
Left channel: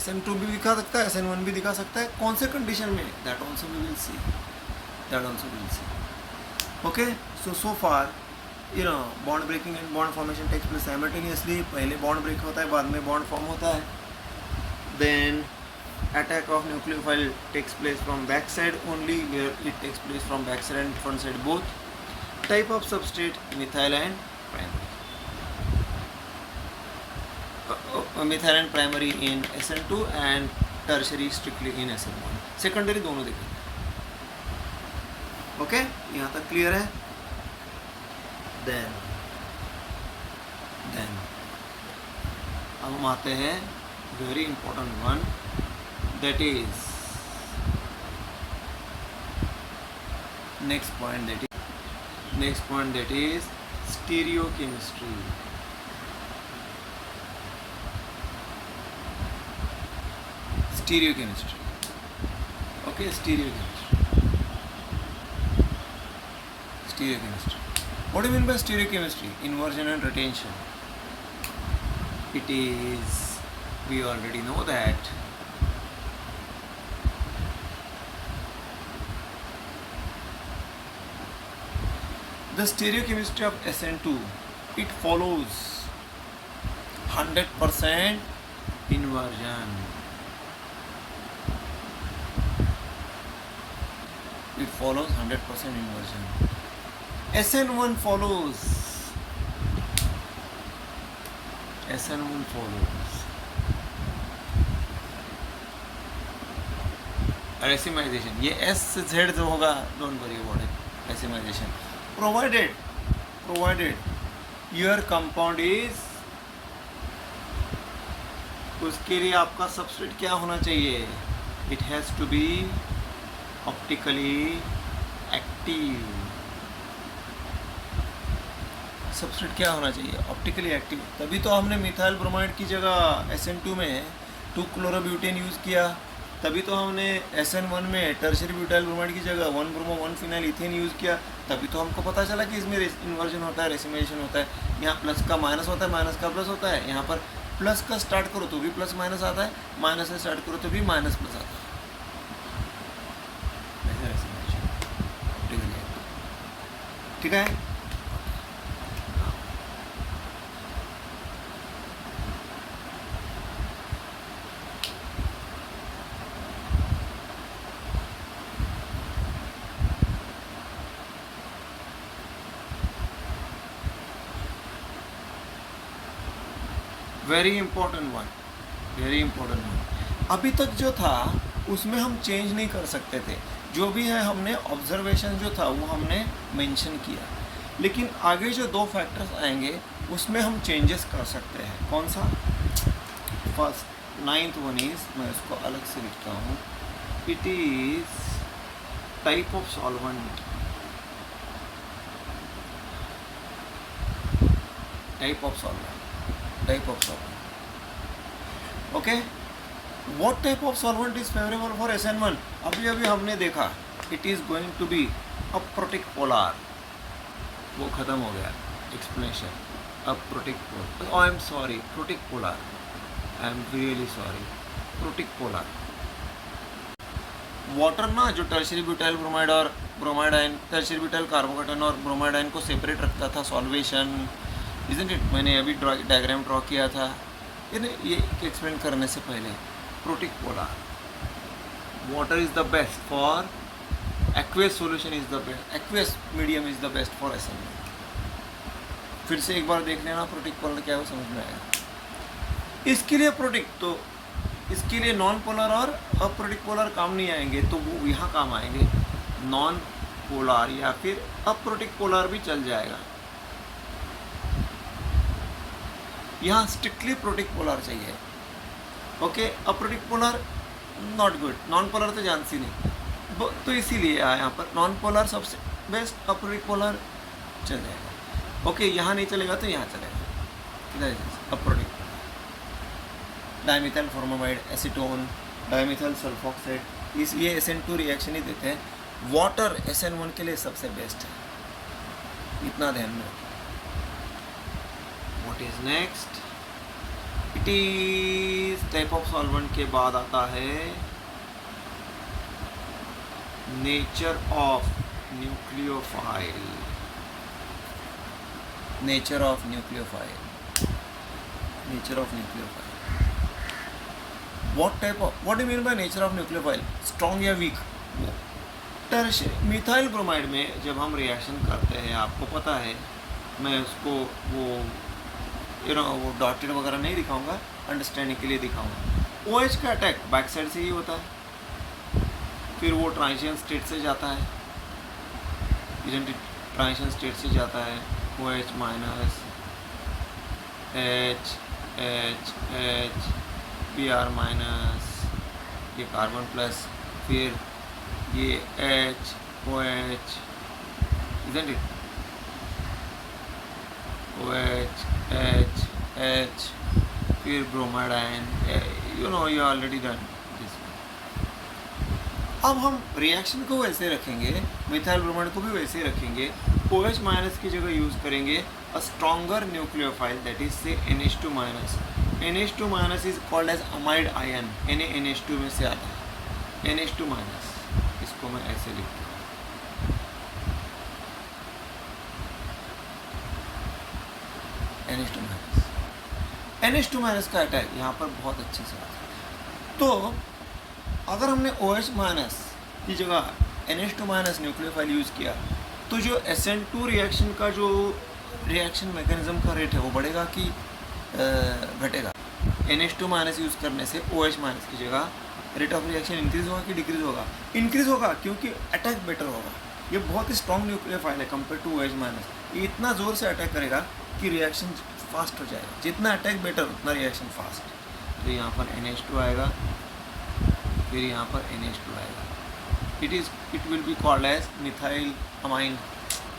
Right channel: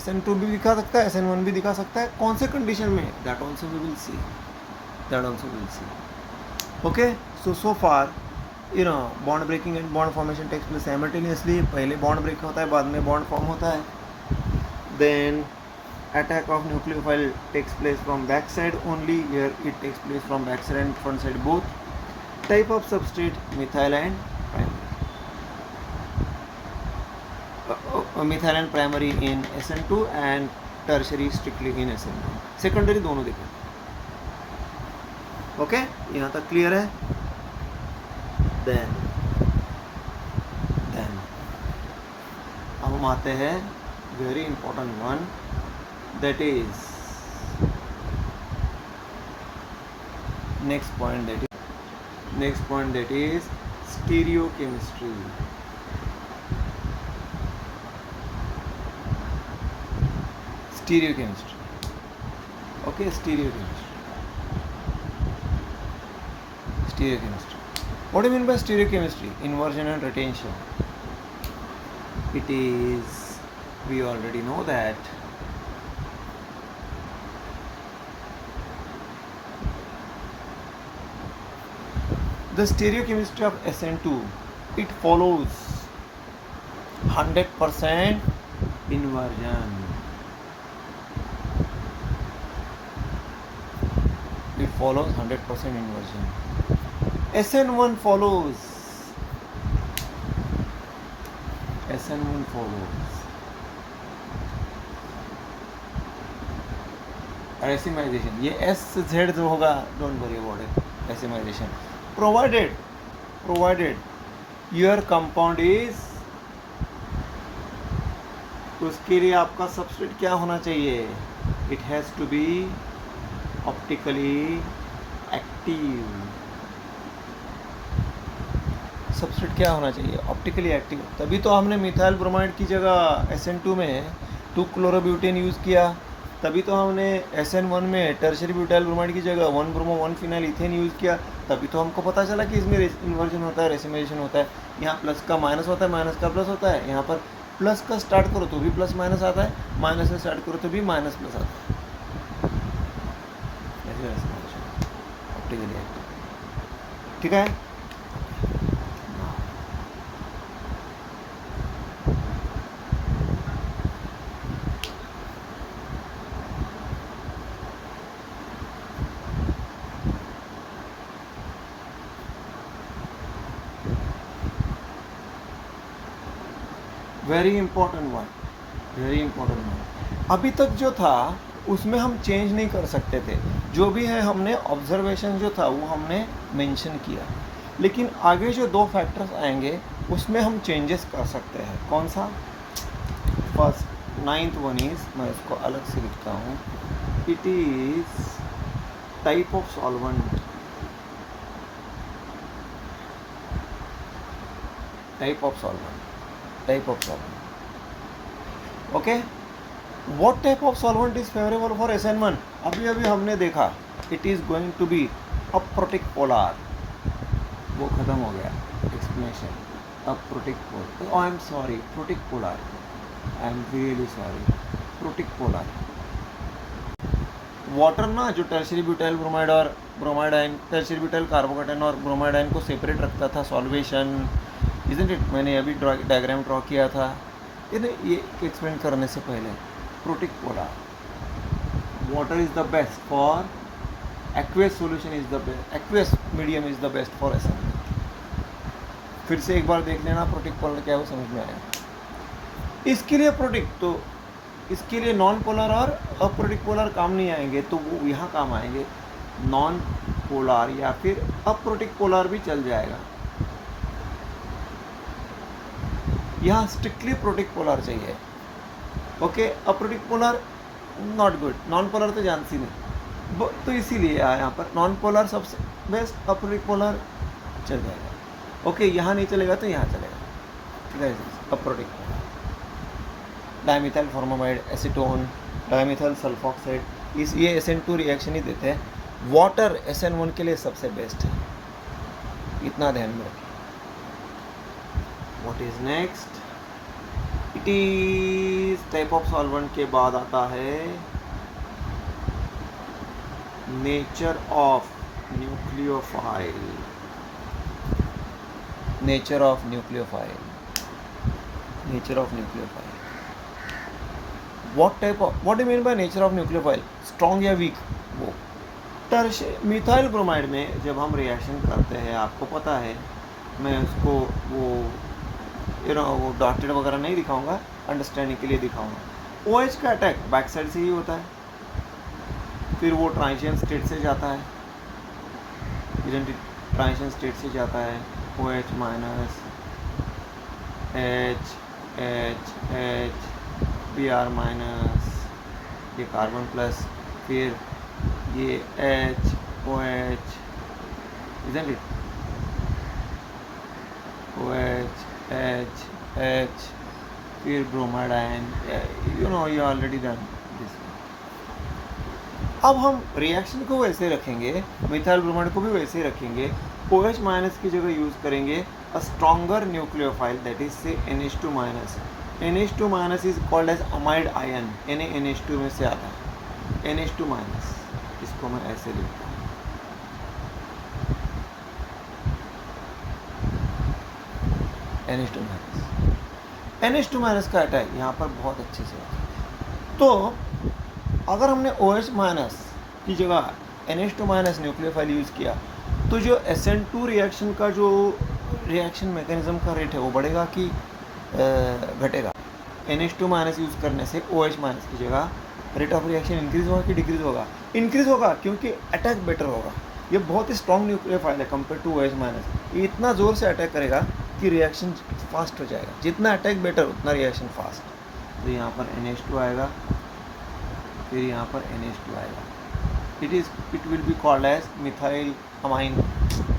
SN2 भी दिखा सकता है, SN1 भी दिखा सकता है. कौन से कंडीशन में, that also we will see, that also will see. Okay, so far you know bond breaking and bond formation takes place simultaneously. पहले बॉन्ड ब्रेक होता है, बाद में बॉन्ड फॉर्म होता है. Then attack of nucleophile takes place from back side only, where it takes place from back side and front side both. Type of substrate methyl and primary, methyl and primary in SN2 and tertiary strictly in SN1. secondary दोनों दिखे. Okay, यहाँ तक clear है. then अब हम आते हैं very important one, that is next point that is stereochemistry. Okay, stereochemistry. What do you mean by stereochemistry? Inversion and retention. It is, we already know that the stereochemistry of SN2, it follows 100% inversion. It follows 100% inversion. SN1 follows racemization. ये S से Z जो होगा, don't worry about it. Racemization. Provided your compound is, उसके लिए आपका substrate क्या होना चाहिए, it has to be optically active. Substrate क्या होना चाहिए, ऑप्टिकली एक्टिव. तभी तो हमने मिथाइल ब्रोमाइड की जगह SN2 में 2-क्लोरोब्यूटेन यूज़ किया. तभी तो हमने SN1 में टर्शरी ब्यूटाइल ब्रोमाइड की जगह 1-ब्रोमो 1-फिनाइल इथेन यूज़ किया. तभी तो हमको पता चला कि इसमें इन्वर्जन होता है, रेसिमाइजेशन होता है. यहाँ प्लस का माइनस होता है, माइनस का प्लस होता है. यहाँ पर प्लस का स्टार्ट करो तो भी प्लस माइनस आता है, माइनस से स्टार्ट करो तो भी माइनस प्लस आता है. Optically active. ठीक है. Very important one. अभी तक जो था उसमें हम चेंज नहीं कर सकते थे. जो भी है हमने ऑब्जर्वेशन जो था वो हमने मेंशन किया. लेकिन आगे जो 2 फैक्टर्स आएंगे उसमें हम चेंजेस कर सकते हैं. कौन सा? फर्स्ट 9th वन इज, मैं इसको अलग से लिखता हूँ. It is type of solvent. Type of solvent. Okay. What type of solvent is favourable for SN1? अभी हमने देखा it is going to be अब प्रोटिक पोलार वो ख़त्म हो गया एक्सप्लेनेशन. अब protic polar, I am sorry, protic polar, I am really sorry, protic polar. Water ना जो टर्शियरी ब्यूटाइल ब्रोमाइड और bromide ion, tertiary butyl carbocation और ब्रोमाइड आयन को सेपरेट रखता था सॉल्वेशन, इजंट इट. मैंने अभी डायग्राम ड्रॉ किया था ये एक्सप्लेन करने से पहले. Protic polar, water is the best for aqueous solution, is the best aqueous medium is the best for SN. फिर से एक बार देख लेना प्रोटिक पोलर क्या है, वो समझ में आएगा. इसके लिए प्रोटिक, तो इसके लिए नॉन पोलर और अप्रोटिक पोलर काम नहीं आएंगे, तो वो यहाँ काम आएंगे. नॉन पोलर या फिर अप्रोटिक पोलर भी चल जाएगा. यहाँ स्ट्रिक्टली प्रोटिक पोलर चाहिए. Okay, aprotic polar not good, non polar तो जानती नहीं, तो इसीलिए यहाँ पर नॉन पोलर सबसे बेस्ट, अप्रोटिक पोलर चल जाएगा. ओके, यहाँ नहीं चलेगा तो यहाँ चलेगा. Aprotic polar, dimethyl formamide, acetone, dimethyl sulphoxide, इस ये SN2 रिएक्शन ही देते हैं. वाटर SN1 के लिए सबसे बेस्ट है, इतना ध्यान में रखें. What is next? It is type of solvent के बाद आता है nature of nucleophile. Nature of nucleophile, nature of nucleophile. What type of, what do mean by nature of nucleophile? Strong या वीक? वो मिथाइल ब्रोमाइड में जब हम reaction करते हैं, आपको पता है, मैं उसको वो डॉटेड वगैरह नहीं दिखाऊंगा, अंडरस्टैंडिंग के लिए दिखाऊंगा. OH का अटैक बैक साइड से ही होता है, फिर वो ट्रांजिशन स्टेट से जाता है, ट्रांजिशन स्टेट से जाता है. OH minus, H H H, Br minus, ये कार्बन प्लस, फिर ये H OH, isn't it? OH H H, फिर bromide ion, you already done this. अब हम रिएक्शन को वैसे रखेंगे, मिथाइल ब्रोमाइड को भी वैसे रखेंगे. OH माइनस की जगह यूज़ करेंगे a stronger nucleophile, that is से NH2 minus. NH2 minus is called as amide ion. NH2 में से आता है NH2 माइनस, इसको मैं ऐसे लिखता हूँ. NH2 माइनस, NH2 माइनस का अटैक यहाँ पर बहुत अच्छे से आता है. तो अगर हमने OH माइनस की जगह NH2 माइनस न्यूक्लियोफाइल यूज़ किया, तो जो SN2 रिएक्शन का जो रिएक्शन मैकेनिज्म का रेट है वो बढ़ेगा कि घटेगा? NH2 माइनस यूज़ करने से OH माइनस की जगह रेट ऑफ रिएक्शन इंक्रीज़ होगा कि डिक्रीज़ होगा? इंक्रीज़ होगा, क्योंकि अटैक बेटर होगा. ये बहुत ही स्ट्रॉन्ग न्यूक्लियोफाइल है कंपेयर टू OH माइनस. ये इतना ज़ोर से अटैक करेगा कि रिएक्शन फास्ट हो जाएगा. जितना अटैक बेटर उतना रिएक्शन फास्ट. तो यहाँ पर NH2 आएगा, फिर यहाँ पर NH2 आएगा. It will be called as methyl amine,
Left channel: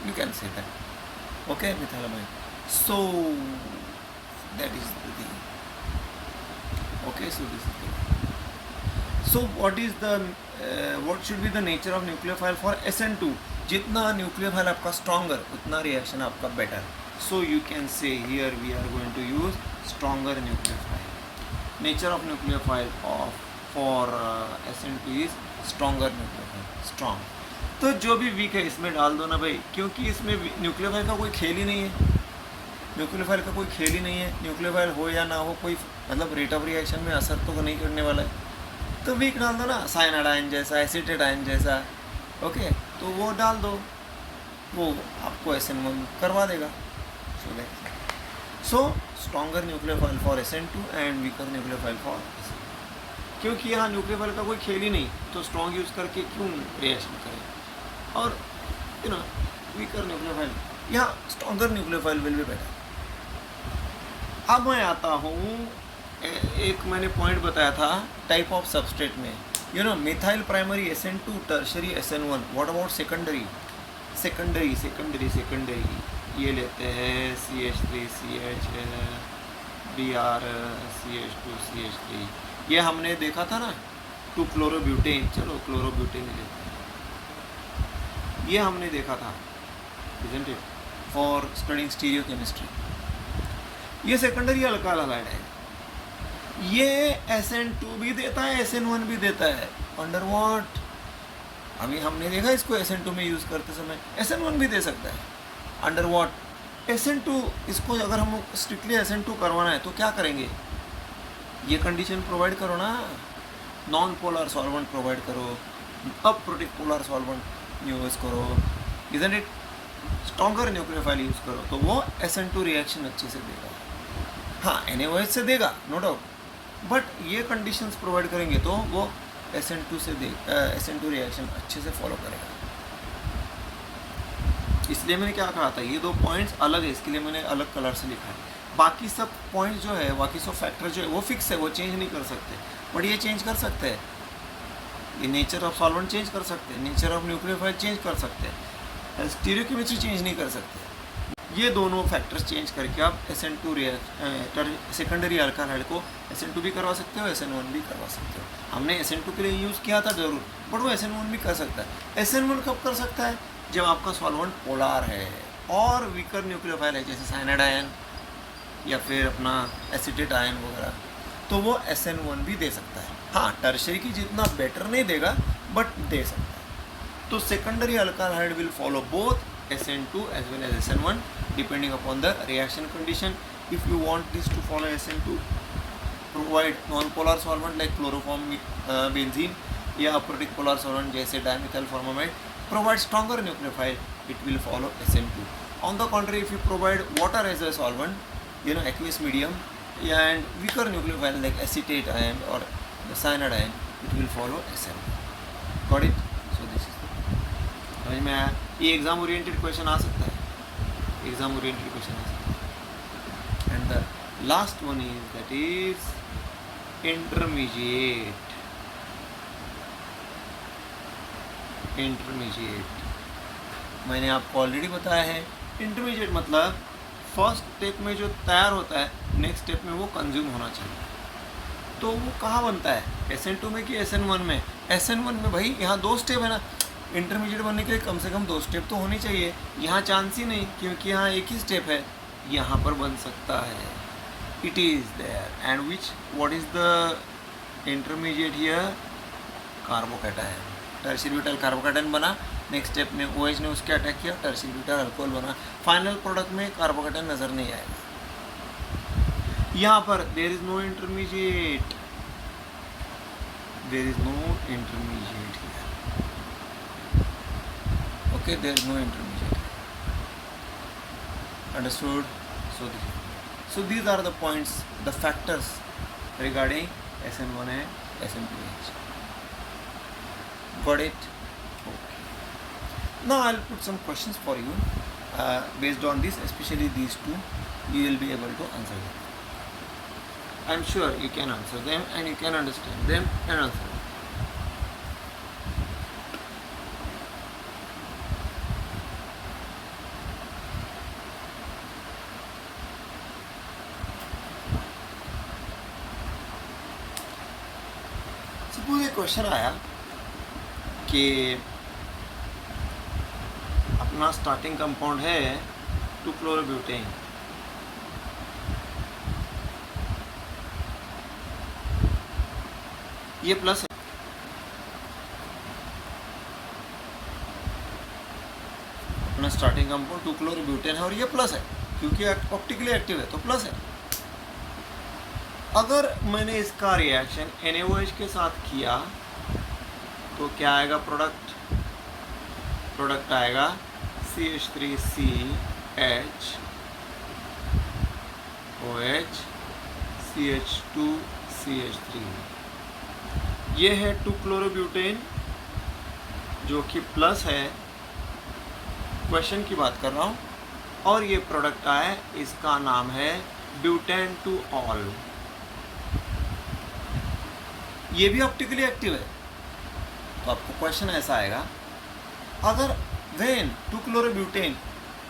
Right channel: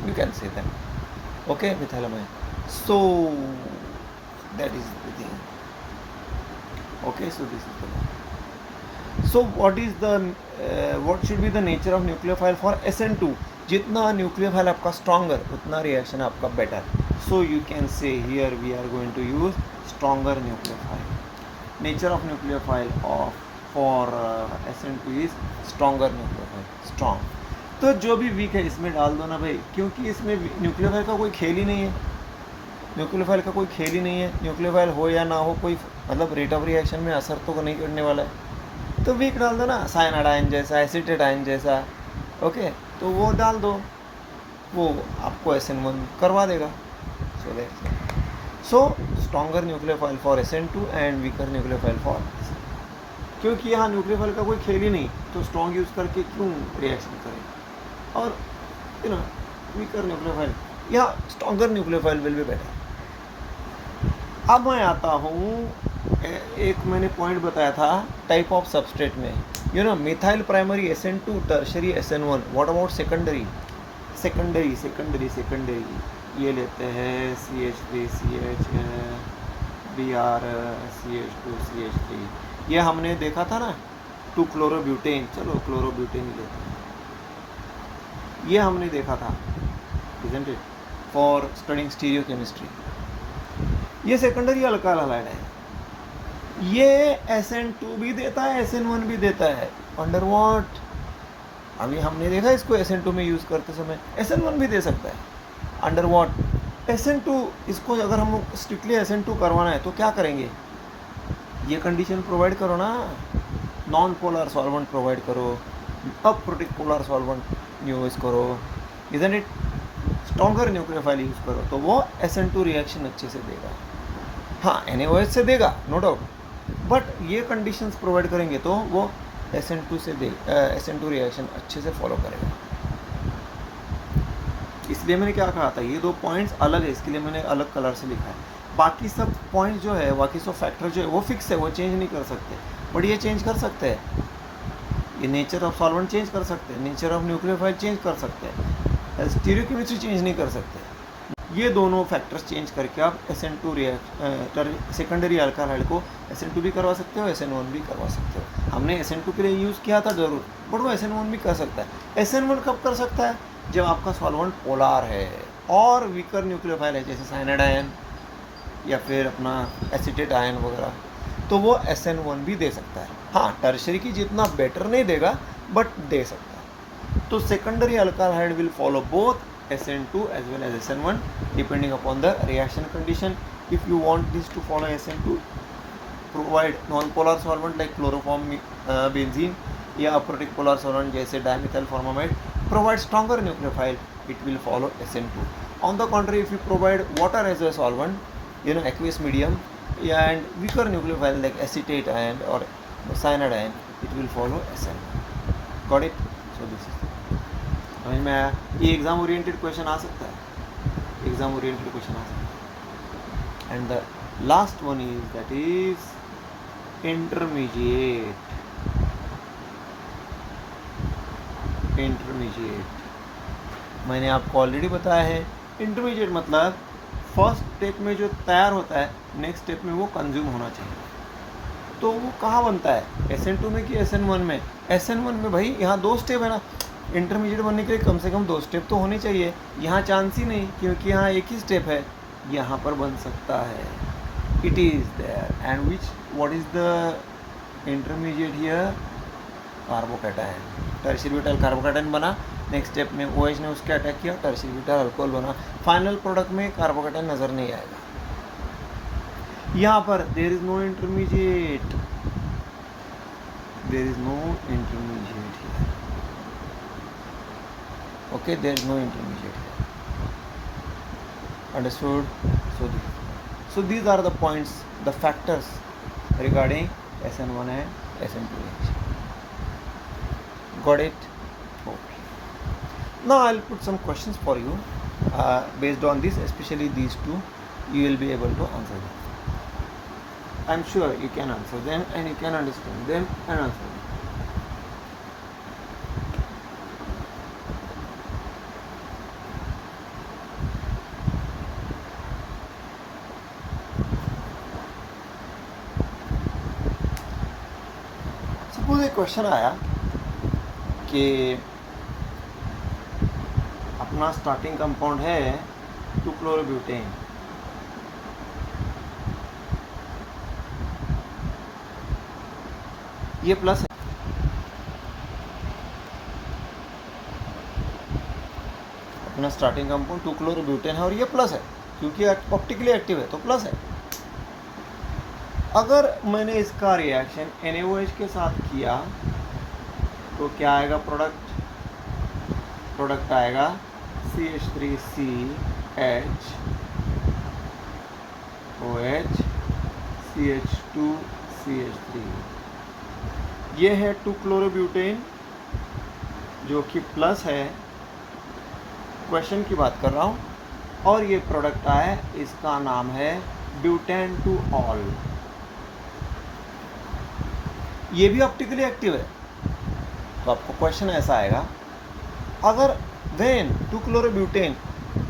you can say that. Okay, methyl amine. So that is the thing. Okay, so this is the thing. So what should be the nature of nucleophile for SN2? जितना nucleophile आपका stronger, उतना reaction आपका better. So you can say here we are going to use stronger nucleophile. Nature of nucleophile for SN2 is stronger nucleophile, strong. तो जो भी week है इसमें डाल दो ना भाई, क्योंकि इसमें न्यूक्लियोफाइल का कोई खेल ही नहीं है. न्यूक्लियोफाइल का कोई खेल ही नहीं है. न्यूक्लियोफाइल हो या ना हो, कोई मतलब रेट ऑफ रिएक्शन में असर तो नहीं करने वाला है. तो वीक डाल दो ना, साइनाइड आयन जैसा, एसिटेट आयन जैसा. ओके, तो वो डाल दो, वो आपको SN1 करवा देगा. So stronger nucleophile for SN2 and weaker nucleophile for, क्योंकि यहाँ न्यूक्लियोफाइल का कोई खेल ही नहीं, तो स्ट्रॉन्ग यूज़ करके क्यों रिएक्शन करें. और वीकर न्यूक्लियोफाइल या stronger nucleophile will be better. अब मैं आता हूँ, एक मैंने पॉइंट बताया था टाइप ऑफ सबस्ट्रेट में. Methyl primary SN2, tertiary SN1. What about secondary? Secondary ये लेते हैं CH3 CH, Br CH2 CH3. ये हमने देखा था ना 2 क्लोरोब्यूटेन. चलो क्लोरोब्यूटेन ही लेते हैं. ये हमने देखा था, isn't it, for studying stereochemistry. ये सेकेंडरी अल्काइल हैलाइड है, ये SN2 भी देता है, SN1 भी देता है। Under what? अभी हमने देखा इसको SN2 में यूज़ करते समय, SN1 भी दे सकता है। Under what? SN2, इसको अगर हम स्ट्रिक्टली SN2 करवाना है तो क्या करेंगे? ये कंडीशन प्रोवाइड करो ना, नॉन पोलर सॉल्वेंट प्रोवाइड करो, अप्रोटिक पोलर सॉल्वेंट यूज़ करो, isn't it, stronger nucleophile use करो, तो वो SN2 रिएक्शन अच्छे से देगा। हाँ, NaOH से देगा, नो डाउट, बट ये कंडीशंस प्रोवाइड करेंगे तो वो SN2 से SN2 रिएक्शन अच्छे से फॉलो करेगा। इसलिए मैंने क्या कहा था, ये दो पॉइंट्स अलग है, इसके लिए मैंने अलग कलर से लिखा है। बाकी सब पॉइंट जो है, बाकी सब फैक्टर जो है वो फिक्स है, वो चेंज नहीं कर सकते, बट ये चेंज कर सकते हैं। ये नेचर ऑफ सॉल्वेंट चेंज कर सकते हैं, नेचर ऑफ न्यूक्लियोफाइल चेंज कर सकते हैं, स्टीरियोकेमिस्ट्री चेंज नहीं कर सकते। ये दोनों फैक्टर्स चेंज करके आप SN2 सेकेंडरी अल्काइल को SN2 भी करवा सकते हो, SN1 भी करवा सकते हो। हमने SN2 के लिए यूज़ किया था ज़रूर, बट वो SN1 भी कर सकता है। SN1 कब कर सकता है? जब आपका सॉल्वेंट पोलार है और वीकर न्यूक्लियोफाइल है, जैसे साइनाइड आयन या फिर अपना एसिटेट आयन वगैरह, तो वो SN1 भी दे सकता है। हाँ, टर्शियरी की जितना बेटर नहीं देगा, बट दे सकता है। तो secondary alkyl will follow both SN2 as well as SN1 depending upon the reaction condition. If you want this to follow SN2, provide non-polar solvent like chloroform, benzene या aprotic polar solvent जैसे dimethyl formamide, provide stronger nucleophile, it will follow SN2. On the contrary, if you provide water as a solvent, aqueous medium, and weaker nucleophile like acetate ion or cyanide ion, it will follow SN1. Got it? So this is समझ में आया? ये exam oriented question आ सकता है, exam oriented question आ सकता है। And the last one is that is intermediate. मैंने आपको ऑलरेडी बताया है, इंटरमीडिएट मतलब फर्स्ट स्टेप में जो तैयार होता है, नेक्स्ट स्टेप में वो कंज्यूम होना चाहिए। तो वो कहाँ बनता है, SN2 में कि SN1 में? SN1 में भाई, यहाँ 2 स्टेप है ना, इंटरमीडिएट बनने के लिए कम से कम 2 स्टेप तो होने चाहिए। यहाँ चांस ही नहीं, क्योंकि यहाँ एक ही स्टेप है। यहाँ पर बन सकता है, it is there. And what is the intermediate here? Carbocation. Tertiary butyl carbocation बना, नेक्स्ट स्टेप में OH ने उसके अटैक किया, टर्शियरी ब्यूटाइल अल्कोहल बना। फाइनल प्रोडक्ट में कार्बोकैटायन नज़र नहीं आएगा। यहाँ पर there is no intermediate, there is no intermediate here. Okay, there is no intermediate. Understood? So these are the points, the factors regarding SN1 and SN2H. Got it? Okay. Now I'll put some questions for you. Based on this, especially these two, you will be able to answer them. I'm sure you can answer them and you can understand them and answer them. Suppose एक question आया कि अपना starting compound है 2-chlorobutain, ये plus है, अपना starting compound 2-chlorobutain है और ये प्लस है, क्योंकि ऑप्टिकली एक्टिव है तो प्लस है। अगर मैंने इसका रिएक्शन NaOH के साथ किया तो क्या आएगा प्रोडक्ट? प्रोडक्ट आएगा CH3CH OH CH2CH3। ये है 2-chlorobutain जो कि प्लस है, क्वेश्चन की बात कर रहा हूँ, और ये प्रोडक्ट आया, इसका नाम है ब्यूटेन टू ऑल। ये भी ऑप्टिकली एक्टिव है। तो आपको क्वेश्चन ऐसा आएगा, अगर when 2-chlorobutain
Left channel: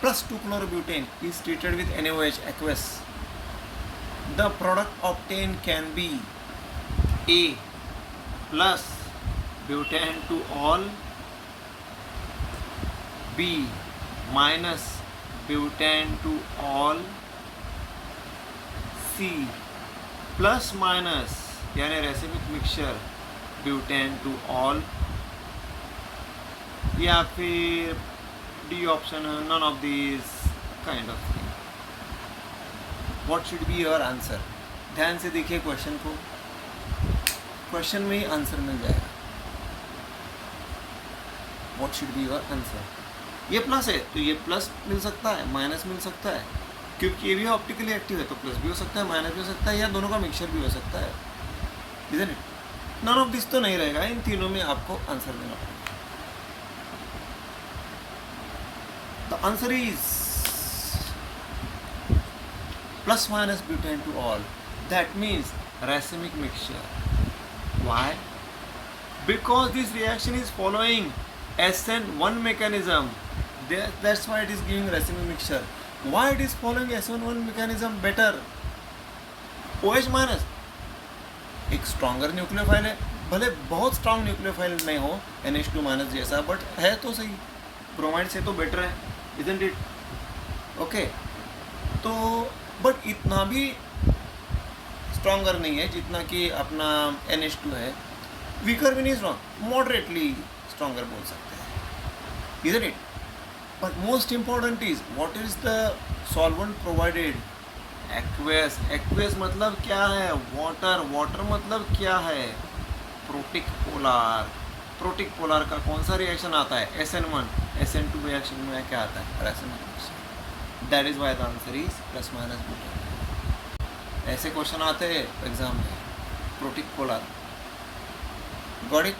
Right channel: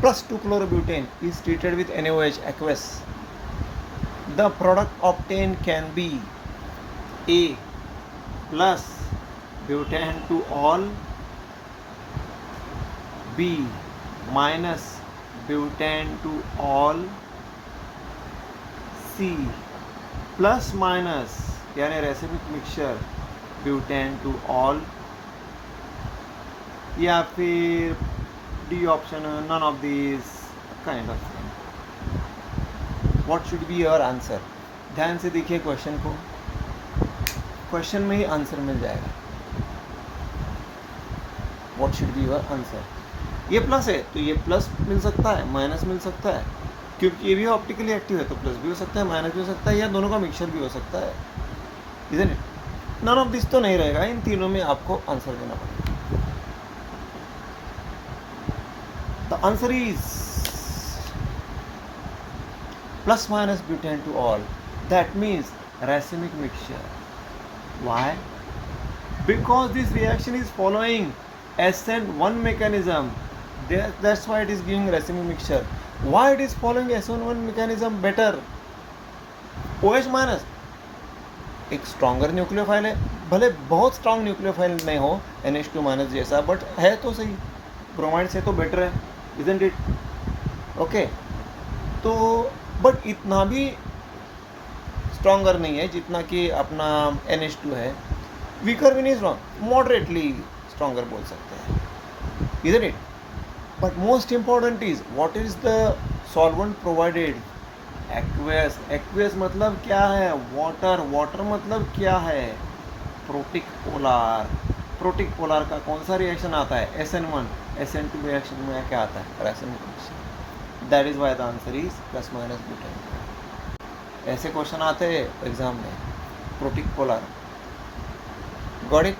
plus 2-chlorobutain is treated with NaOH aqueous, the product obtained can be A plus butane to all, B minus butane two ol, C plus minus यानी racemic mixture butane two ol, या फिर D option none of this kind of thing. What should be your answer? ध्यान से देखिए question को, question में ही answer मिल जाएगा. What should be your answer? ये प्लस है तो ये प्लस मिल सकता है, माइनस मिल सकता है, क्योंकि ये भी ऑप्टिकली एक्टिव है तो प्लस भी हो सकता है, माइनस भी हो सकता है, या दोनों का मिक्सचर भी हो सकता है. Isn't it? None of this तो नहीं रहेगा, इन तीनों में आपको आंसर देना पड़ेगा. The answer is plus minus butane to all. That means racemic mixture. Why? Because this reaction is following SN1 mechanism. That's why it is giving racemic mixture. Why it is following SN1 mechanism better? OH minus एक stronger nucleophile है, भले बहुत strong nucleophile नहीं हो NH2 minus जैसा, but है तो सही, ब्रोमाइड से तो बेटर है, इजंट इट? ओके, तो बट इतना भी स्ट्रॉन्गर नहीं है जितना कि अपना NH2 है, वीकर भी नहीं स्ट्रॉन्ग, मॉडरेटली स्ट्रॉन्गर बोल सकते हैं, isn't it? But most important is what is the solvent provided? Aqueous. Aqueous मतलब क्या है? वाटर. वाटर मतलब क्या है? Protic polar. प्रोटिक पोलार का कौन सा रिएक्शन आता है? SN1. SN2 रिएक्शन में क्या आता है? Racemic mixture. That is why the answer is plus minus butane. ऐसे क्वेश्चन आते हैं एग्जाम में, प्रोटिक पोलार. Got it?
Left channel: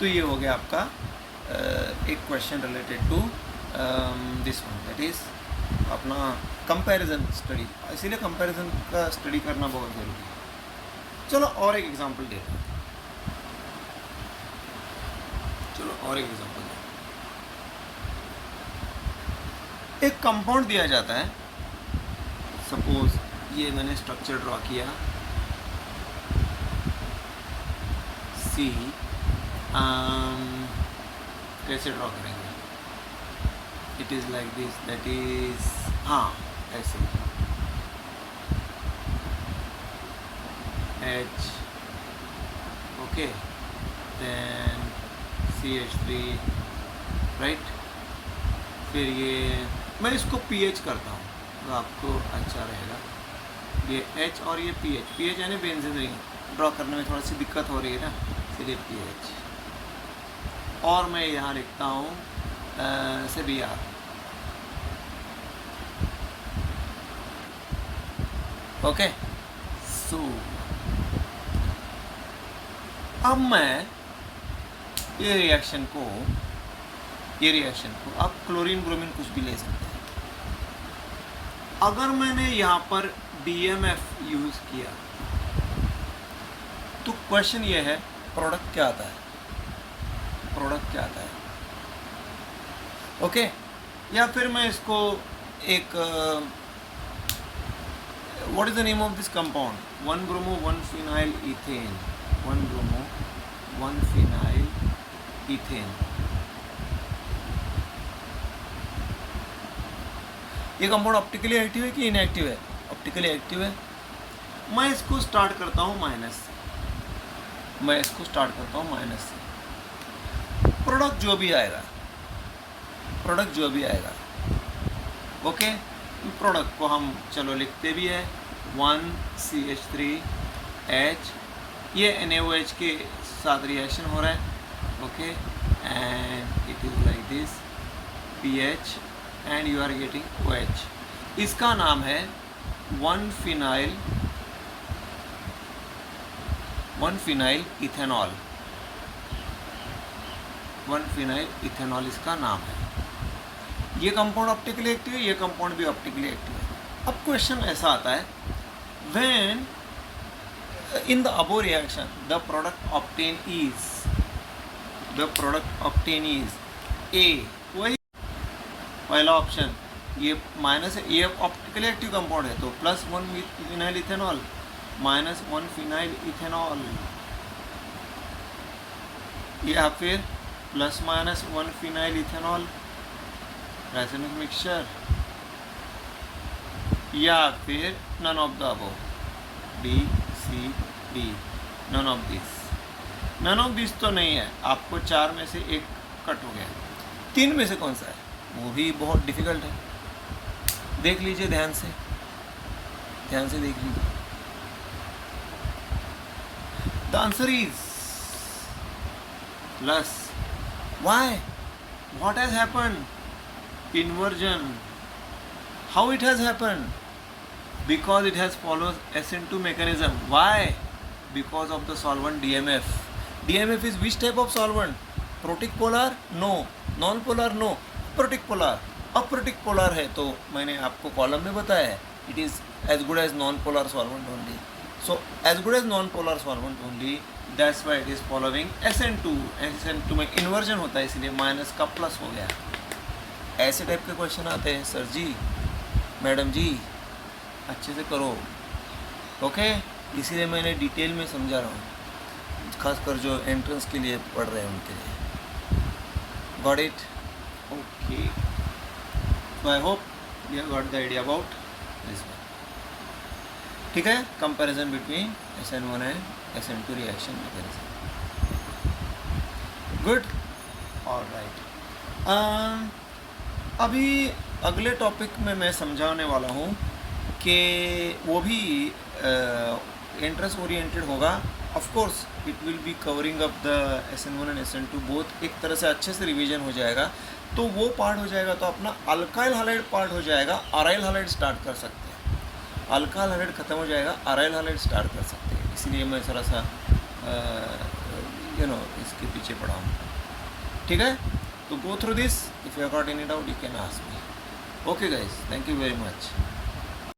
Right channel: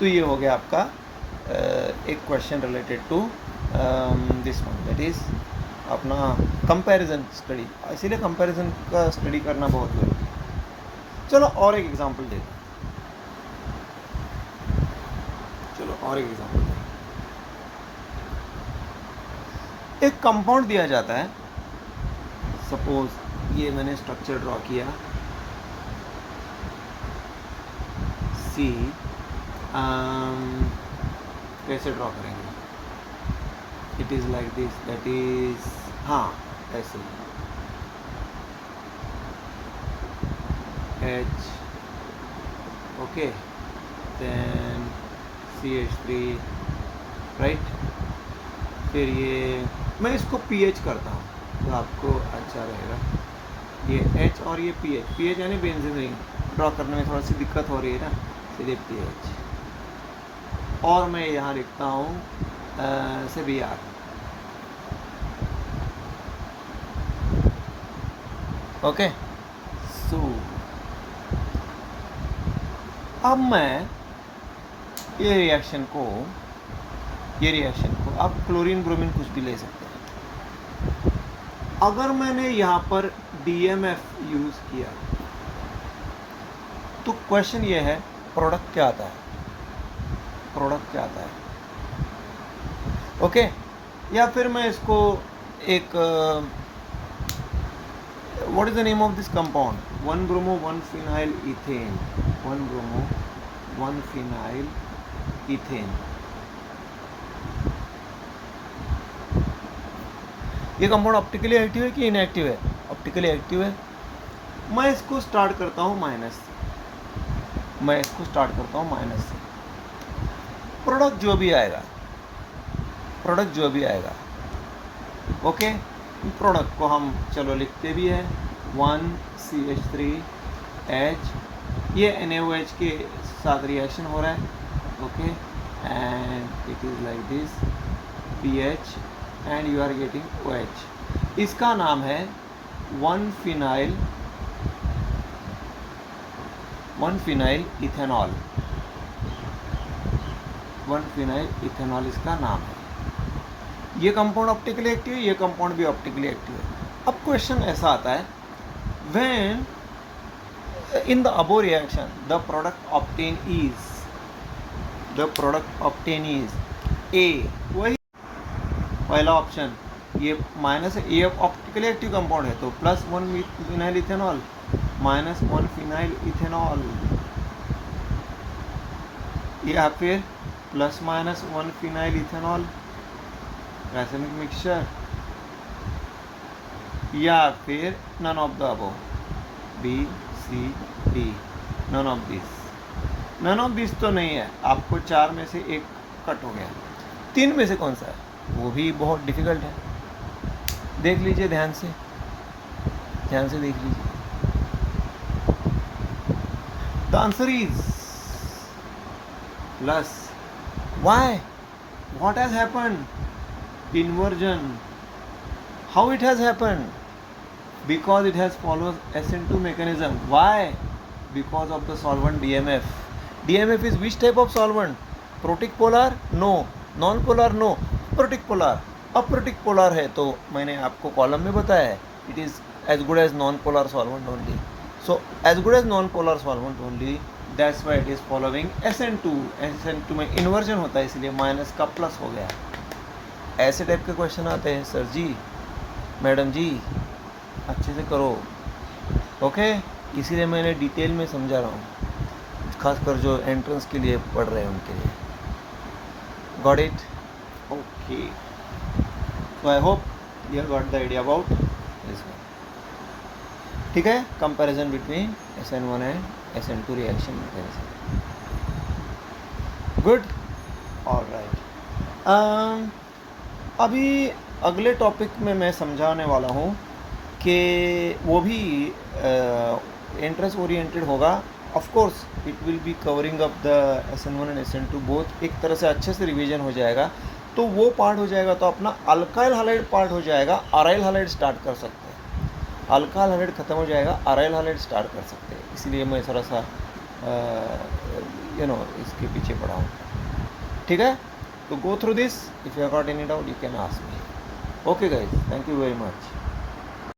तो ये हो गया आपका एक question related to this one, that is अपना कंपैरिजन स्टडी. इसीलिए कंपैरिजन का स्टडी करना बहुत ज़रूरी है. चलो और एक एग्जांपल देते हैं. एक कंपाउंड दिया जाता है, सपोज ये मैंने स्ट्रक्चर ड्रॉ किया, सी. कैसे ड्रॉ करेंगे? It is like this, that is, हाँ ऐसे, H, okay, then CH3, right. फिर ये मैं इसको pH करता हूँ तो आपको अच्छा रहेगा. ये H और ये pH यानी बेंजीन रिंग ड्रॉ करने में थोड़ा सी दिक्कत हो रही है ना, इसलिए pH. और मैं यहाँ लिखता हूँ से Br. ओके, सो अब मैं ये रिएक्शन को आप क्लोरीन ब्रोमीन कुछ भी ले सकते हैं. अगर मैंने यहाँ पर DMF यूज़ किया तो क्वेश्चन ये है, प्रोडक्ट क्या आता है? ओके, या फिर मैं इसको एक what is the name of this compound? 1-bromo 1-phenyl ethane. 1-bromo 1-phenyl ethane. ये कंपाउंड ऑप्टिकली एक्टिव है कि इनएक्टिव है? ऑप्टिकली एक्टिव है. मैं इसको स्टार्ट करता हूँ माइनस से. प्रोडक्ट जो भी आएगा, ओके. प्रोडक्ट को हम चलो लिखते भी है, 1CH3H, ये NaOH के साथ रिएक्शन हो रहा है, okay, and it is like this, pH and you are getting OH. इसका नाम है 1-phenyl इथेनॉल. 1-phenyl इथेनॉल इसका नाम है. ये कंपाउंड ऑप्टिकली एक्टिव है, ये कंपाउंड भी ऑप्टिकली एक्टिव है. अब क्वेश्चन ऐसा आता है, when in the above reaction the product obtain is a, वही पहला ऑप्शन, ये माइनस है, ये ऑप्टिकली एक्टिव कंपाउंड है तो +1-phenyl इथेनॉल -1-phenyl इथेनॉल, या फिर प्लस माइनस 1 फिनाइल इथेनॉल रासायनिक मिक्सचर, या फिर none of the above, B C D, none of this. None of this तो नहीं है, आपको 4 में से एक कट हो गया। 3 में से कौन सा है, वो भी बहुत डिफिकल्ट है। देख लीजिए ध्यान से देख लीजिए। The answer is plus. Why, what has happened? Inversion. How it has happened? Because it has followed SN2 mechanism. Why? Because of the solvent DMF. DMF is which type of solvent? Protic polar? No. Non-polar? No. Aprotic polar. Aprotic polar है, तो मैंने आपको column में बताया है, it is as good as non polar solvent only. So as good as non polar solvent only, that's why it is following SN2. SN2 में inversion होता है, इसलिए माइनस का प्लस हो गया. ऐसे टाइप के क्वेश्चन आते हैं सर जी, मैडम जी, अच्छे से करो. ओके, इसीलिए मैंने डिटेल में समझा रहा हूँ, खासकर जो एंट्रेंस के लिए पढ़ रहे हैं उनके लिए. Got it? Okay, so I hope you got the idea about this one. ठीक है, comparison between SN1 and SN2 reaction mechanism. Good, alright. अभी अगले टॉपिक में मैं समझाने वाला हूँ कि वो भी इंटरेस्ट ओरिएंटेड होगा. Of course it will be covering up the SN1 and SN2 both. एक तरह से अच्छे से रिवीजन हो जाएगा, तो वो पार्ट हो जाएगा, तो अपना अल्काइल हाइलाइड पार्ट हो जाएगा. अराइल हाइलाइड स्टार्ट कर सकते हैं. अल्काइल हाइलाइड ख़त्म हो जाएगा, अराइल हाइलाइड स्टार्ट कर सकते हैं. इसलिए मैं थोड़ा सा इसके पीछे पड़ा हूँ. ठीक है, तो go through this. If you have got any doubt, you can ask me. Okay guys, thank you very much.